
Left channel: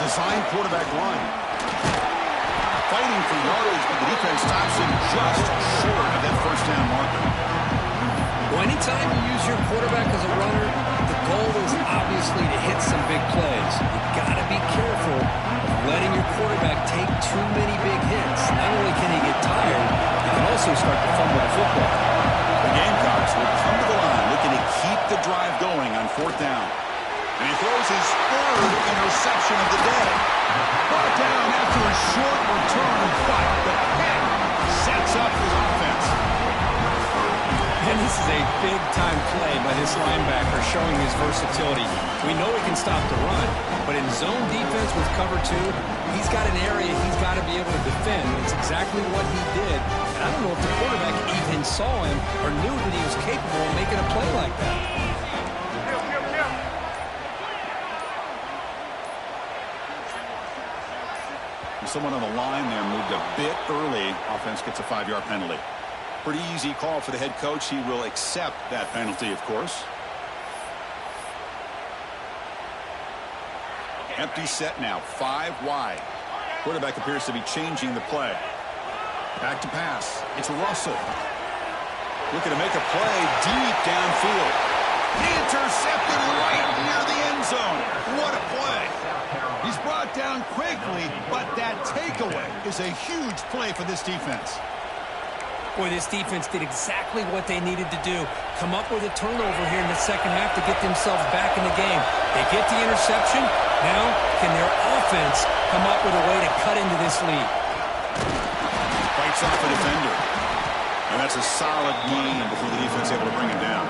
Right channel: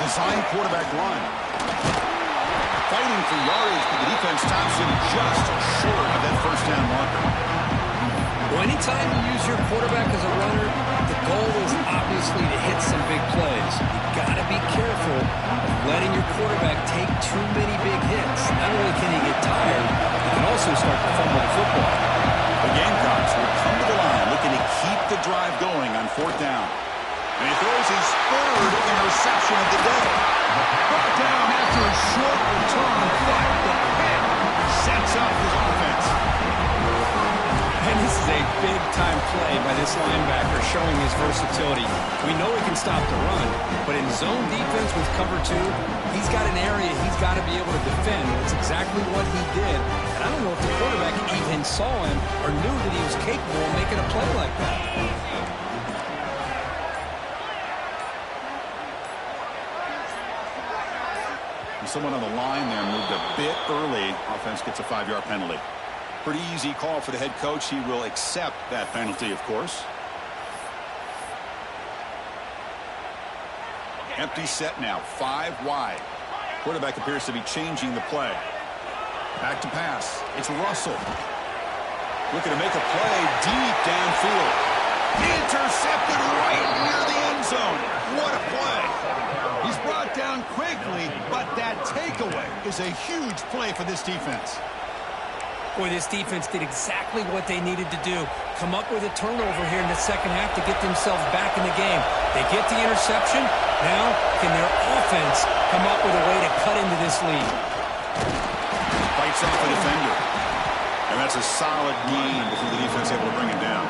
Design quarterback run. Fighting for yardage, but the defense stops him just short of that first down marker. Well, anytime you use your quarterback as a runner, the goal is obviously to hit some big plays. You've got to be careful of letting your quarterback take too many big hits. Not only can he get tired, he can also start to fumble the football. The Gamecocks will come to the line looking to keep the drive going on 4th down. And he throws his 3rd interception of the day. Brought down after a short return, but the pick sets up his offense. And this is a big-time play by this linebacker showing his versatility. We know he can stop the run, but in zone defense with cover 2, he's got an area he's got to be able to defend, and it's exactly what he did. And I don't know if the quarterback even saw him or knew that he was capable of making a play like that. Someone on the line there moved a bit early. Offense gets a 5-yard penalty. Pretty easy call for the head coach. He will accept that penalty, of course. Empty set now, 5 wide. Quarterback appears to be changing the play. Back to pass. It's Russell. Looking to make a play deep downfield. Intercepted right near the end zone. What a play. He's brought down quickly, but that takeaway is a huge play for this defense. Boy, this defense did exactly what they needed to do. Come up with a turnover here in the second half to get themselves back in the game. They get the interception. Now, can their offense come up with a way to cut into this lead? Fights off a defender. And that's a solid gain before the defense able to bring him down.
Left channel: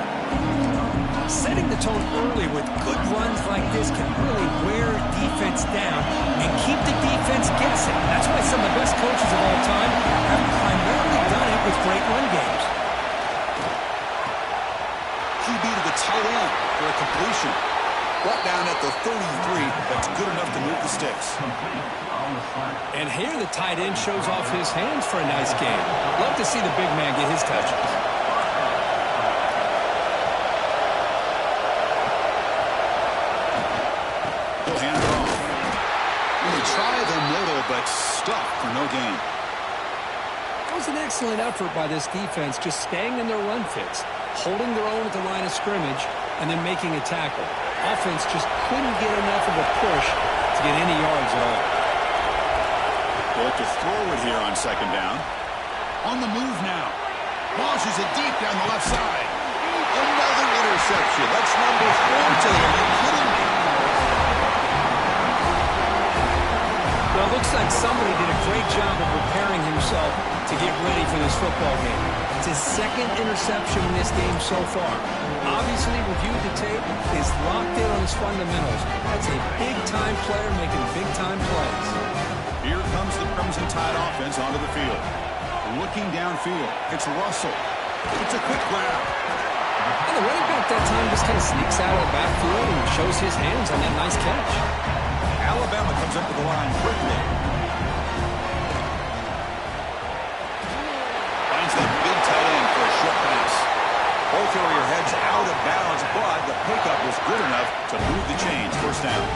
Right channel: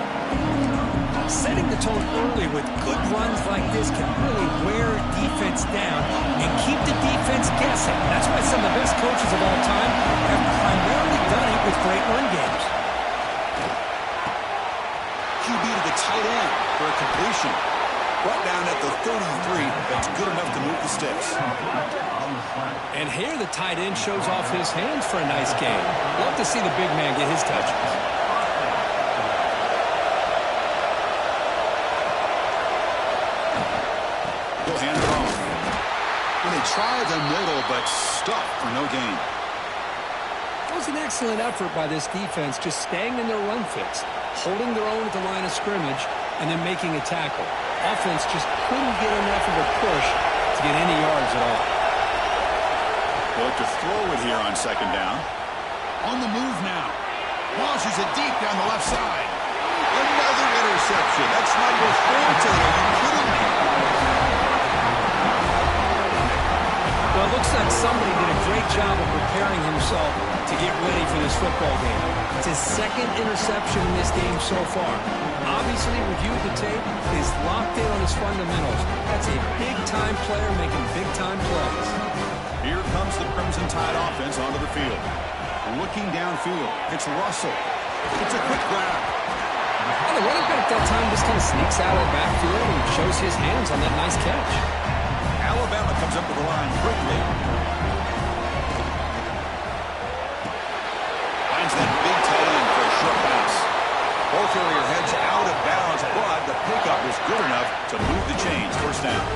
Setting the tone early with good runs like this can really wear defense down and keep the defense guessing. That's why some of the best coaches of all time have primarily done it with great run games. QB to the tight end for a completion. Brought down at the 33. That's good enough to move the sticks. And here the tight end shows off his hands for a nice game. Love to see the big man get his touches. He'll hand it off. And they try the middle, but stuffed for no gain. It was an excellent effort by this defense, just staying in their run fits, holding their own at the line of scrimmage, and then making a tackle. Offense just couldn't get enough of a push to get any yards at all. They'll look to throw it here on second down. On the move now. Launches it deep down the left side. Another interception. That's number 4 today. Are you kidding me? Well, it looks like somebody did a great job of preparing himself to get ready for this football game. It's his second interception in this game so far. Obviously, reviewed the tape, is locked in on his fundamentals. That's a big-time player making big-time plays. Here comes the Crimson Tide offense onto the field. Looking downfield. It's Russell. It's a quick grab. And the running back that time just kind of sneaks out of the backfield and shows his hands on that nice catch. Alabama comes up to the line quickly. Finds that big tight end for a short pass. Ball carrier heads out of bounds, but the pickup was good enough to move the chains. First down.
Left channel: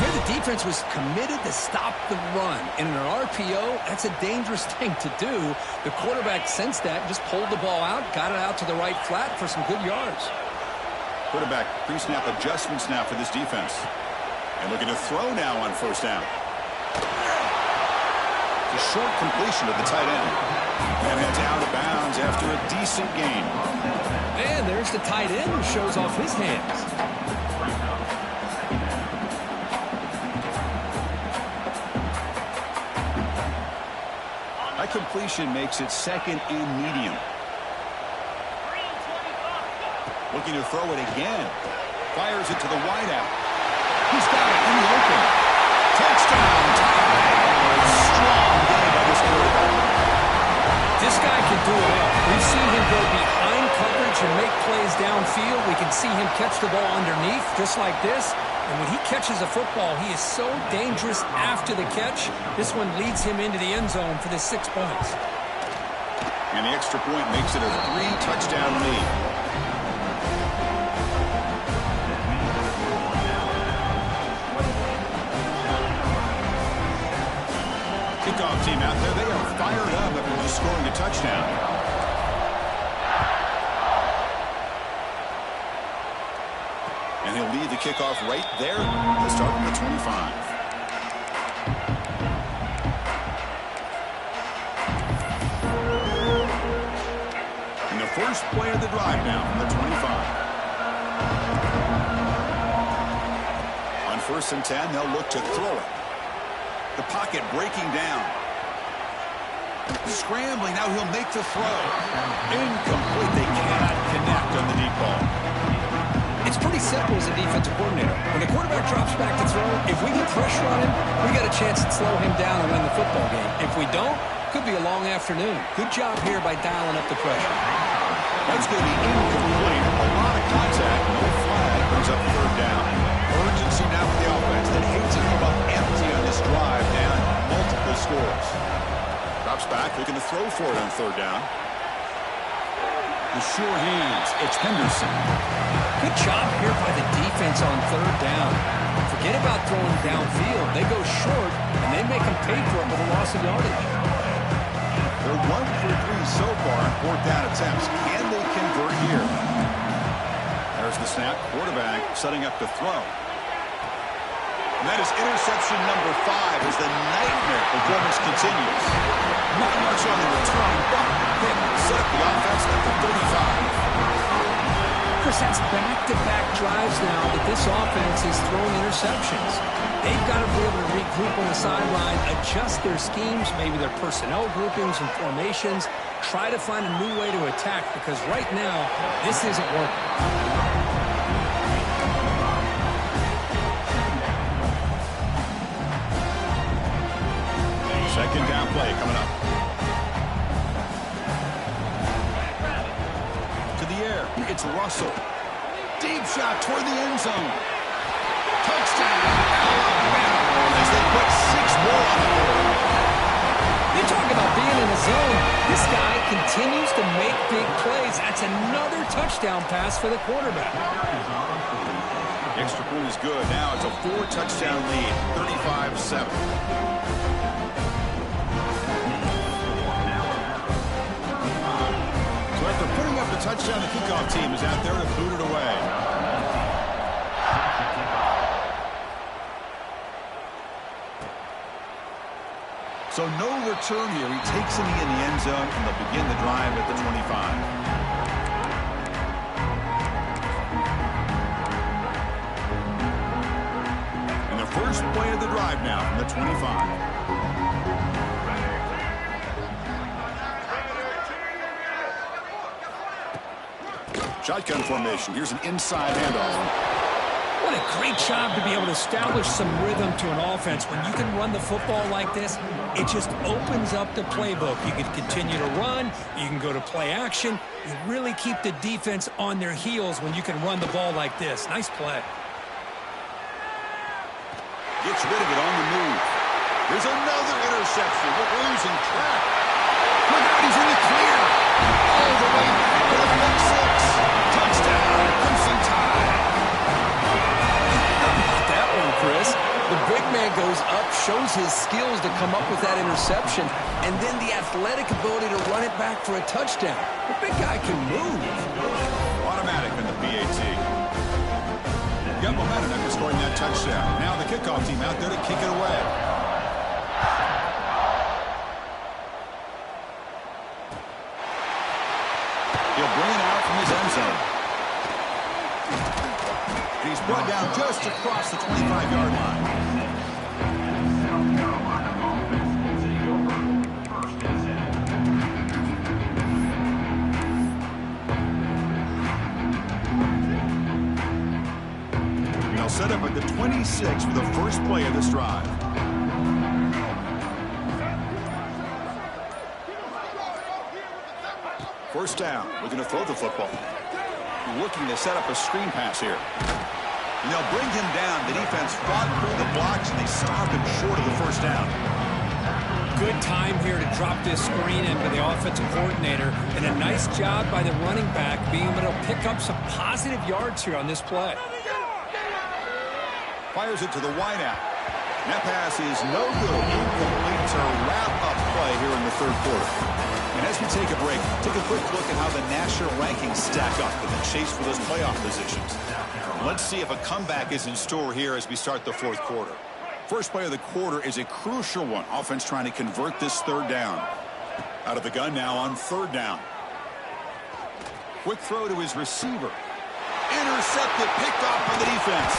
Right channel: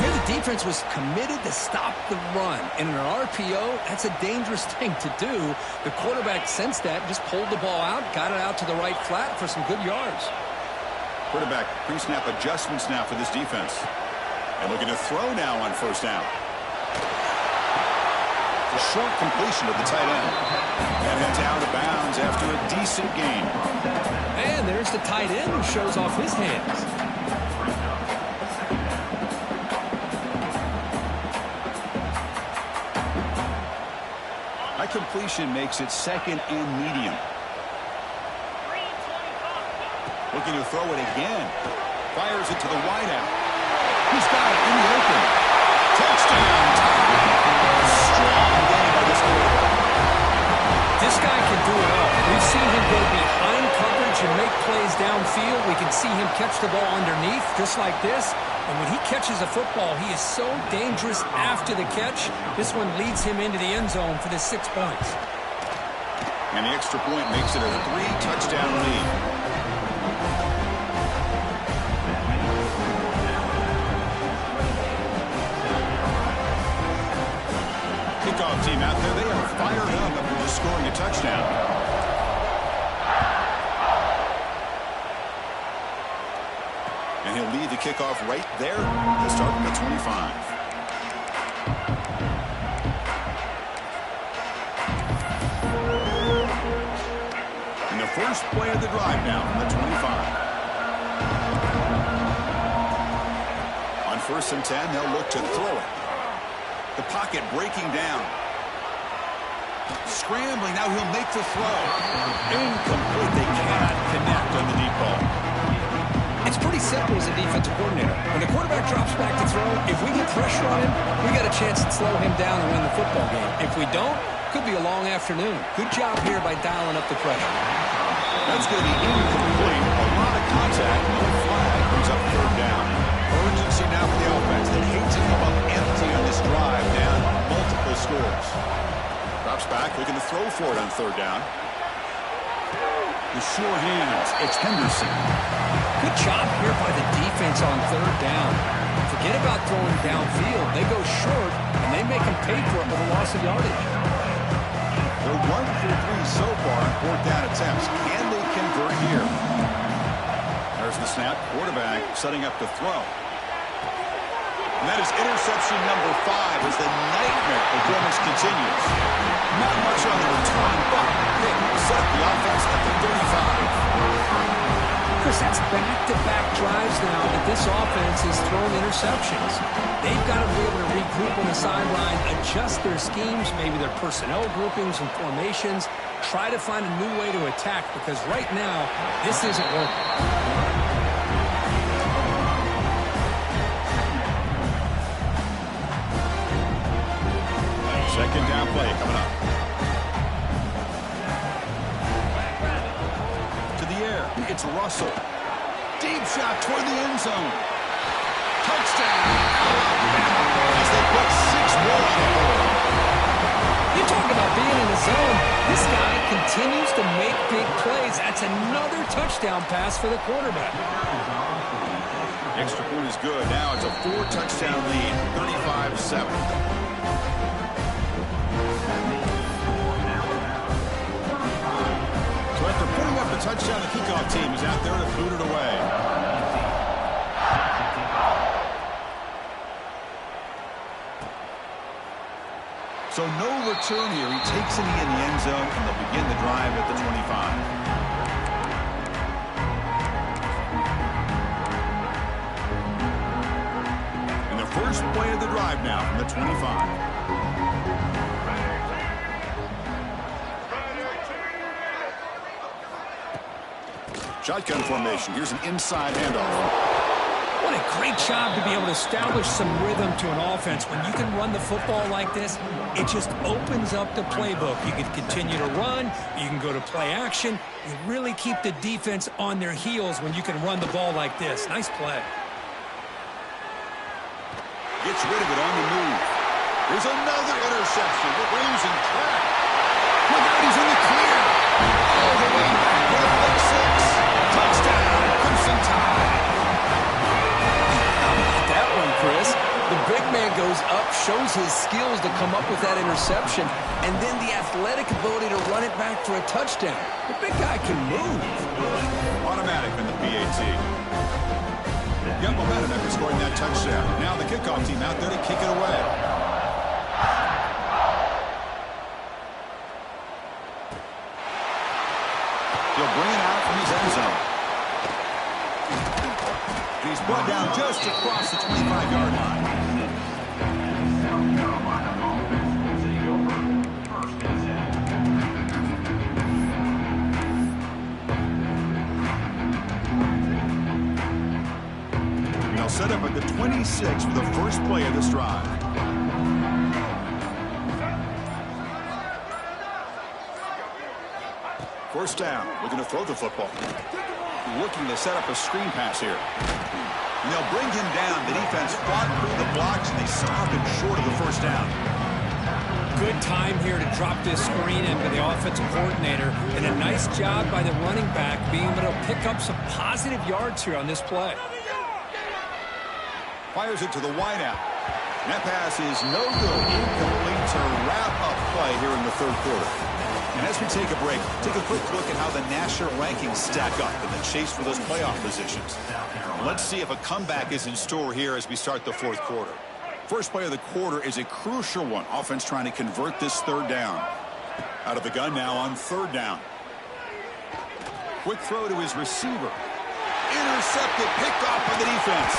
Here the defense was committed to stop the run. And in an RPO, that's a dangerous thing to do. The quarterback sensed that, just pulled the ball out, got it out to the right flat for some good yards. Quarterback pre-snap adjustments now for this defense. And looking to throw now on first down. The short completion of the tight end. And heads out of bounds after a decent gain. And there's the tight end who shows off his hands. That completion makes it second and medium. Looking to throw it again. Fires it to the wideout. He's got it in the open. Touchdown, Tide. Strong game by this quarterback. This guy can do it all. We've seen him go behind coverage and make plays downfield. We can see him catch the ball underneath, just like this. And when he catches a football, he is so dangerous after the catch. This one leads him into the end zone for the 6 points. And the extra point makes it a 3-touchdown lead. Kickoff team out there, they are fired up after just scoring a touchdown. And he'll lead the kickoff right there to start from the 25. And the first play of the drive now from the 25. On 1st and 10, they'll look to throw it. The pocket breaking down. Scrambling, now he'll make the throw. Incomplete, they cannot connect on the deep ball. It's pretty simple as a defensive coordinator. When the quarterback drops back to throw, if we get pressure on him, we got a chance to slow him down and win the football game. If we don't, could be a long afternoon. Good job here by dialing up the pressure. That's going to be incomplete. A lot of contact, no flag, brings up 3rd down. Urgency now for the offense that hates to come up empty on this drive, down multiple scores. Drops back, looking to throw for it on 3rd down. The sure hands, it's Henderson. Good job here by the defense on 3rd down. Forget about throwing downfield. They go short, and they make them pay for it with a loss of yardage. They're 1 for 3 so far on 4th down attempts. Can they convert here? There's the snap. Quarterback setting up to throw. And that is interception number 5 as the nightmare performance continues. Not much on the return, but pick set up the offense at the 35. Chris, that's back-to-back drives now that this offense is throwing interceptions. They've got to be able to regroup on the sideline, adjust their schemes, maybe their personnel groupings and formations, try to find a new way to attack because right now, this isn't working. play coming up. To the air. It's Russell. Deep shot toward the end zone. Touchdown, Alabama, as they put 6 more on the board. You talk about being in a zone. This guy continues to make big plays. That's another touchdown pass for the quarterback. Extra point is good. Now it's a 4-touchdown lead, 35-7. So after putting up the touchdown, the kickoff team is out there to boot it away. So no return here. He takes it in the end zone, and they'll begin the drive at the 25. And the first play of the drive now from the 25. Shotgun formation. Here's an inside handoff. What a great job to be able to establish some rhythm to an offense. When you can run the football like this, it just opens up the playbook. You can continue to run. You can go to play action. You really keep the defense on their heels when you can run the ball like this. Nice play. Gets rid of it on the move. There's another interception. We're losing track. Look out, he's in the clear. All the way back to the pick 6. Touchdown, Crimson Tide. That one, Chris. The big man goes up, shows his skills to come up with that interception, and then the athletic ability to run it back for a touchdown. The big guy can move. Automatic in the PAT. Got momentum after scoring that touchdown. Now the kickoff team out there to kick it away. He'll bring it out from his end zone. And he's brought down just across the 25-yard line. They'll set up at the 26 for the first play of this drive. First down, looking to throw the football. Looking to set up a screen pass here. And they'll bring him down. The defense fought through the blocks, and they stopped him short of the first down. Good time here to drop this screen into the offensive coordinator, and a nice job by the running back being able to pick up some positive yards here on this play. Fires it to the wideout. And that pass is no good. Incomplete to wrap up play here in the third quarter. And as we take a break, take a quick look at how the national rankings stack up in the chase for those playoff positions. Let's see if a comeback is in store here as we start the fourth quarter. First play of the quarter is a crucial one. Offense trying to convert this third down. Out of the gun now on third down. Quick throw to his receiver. Intercepted, picked off by the defense.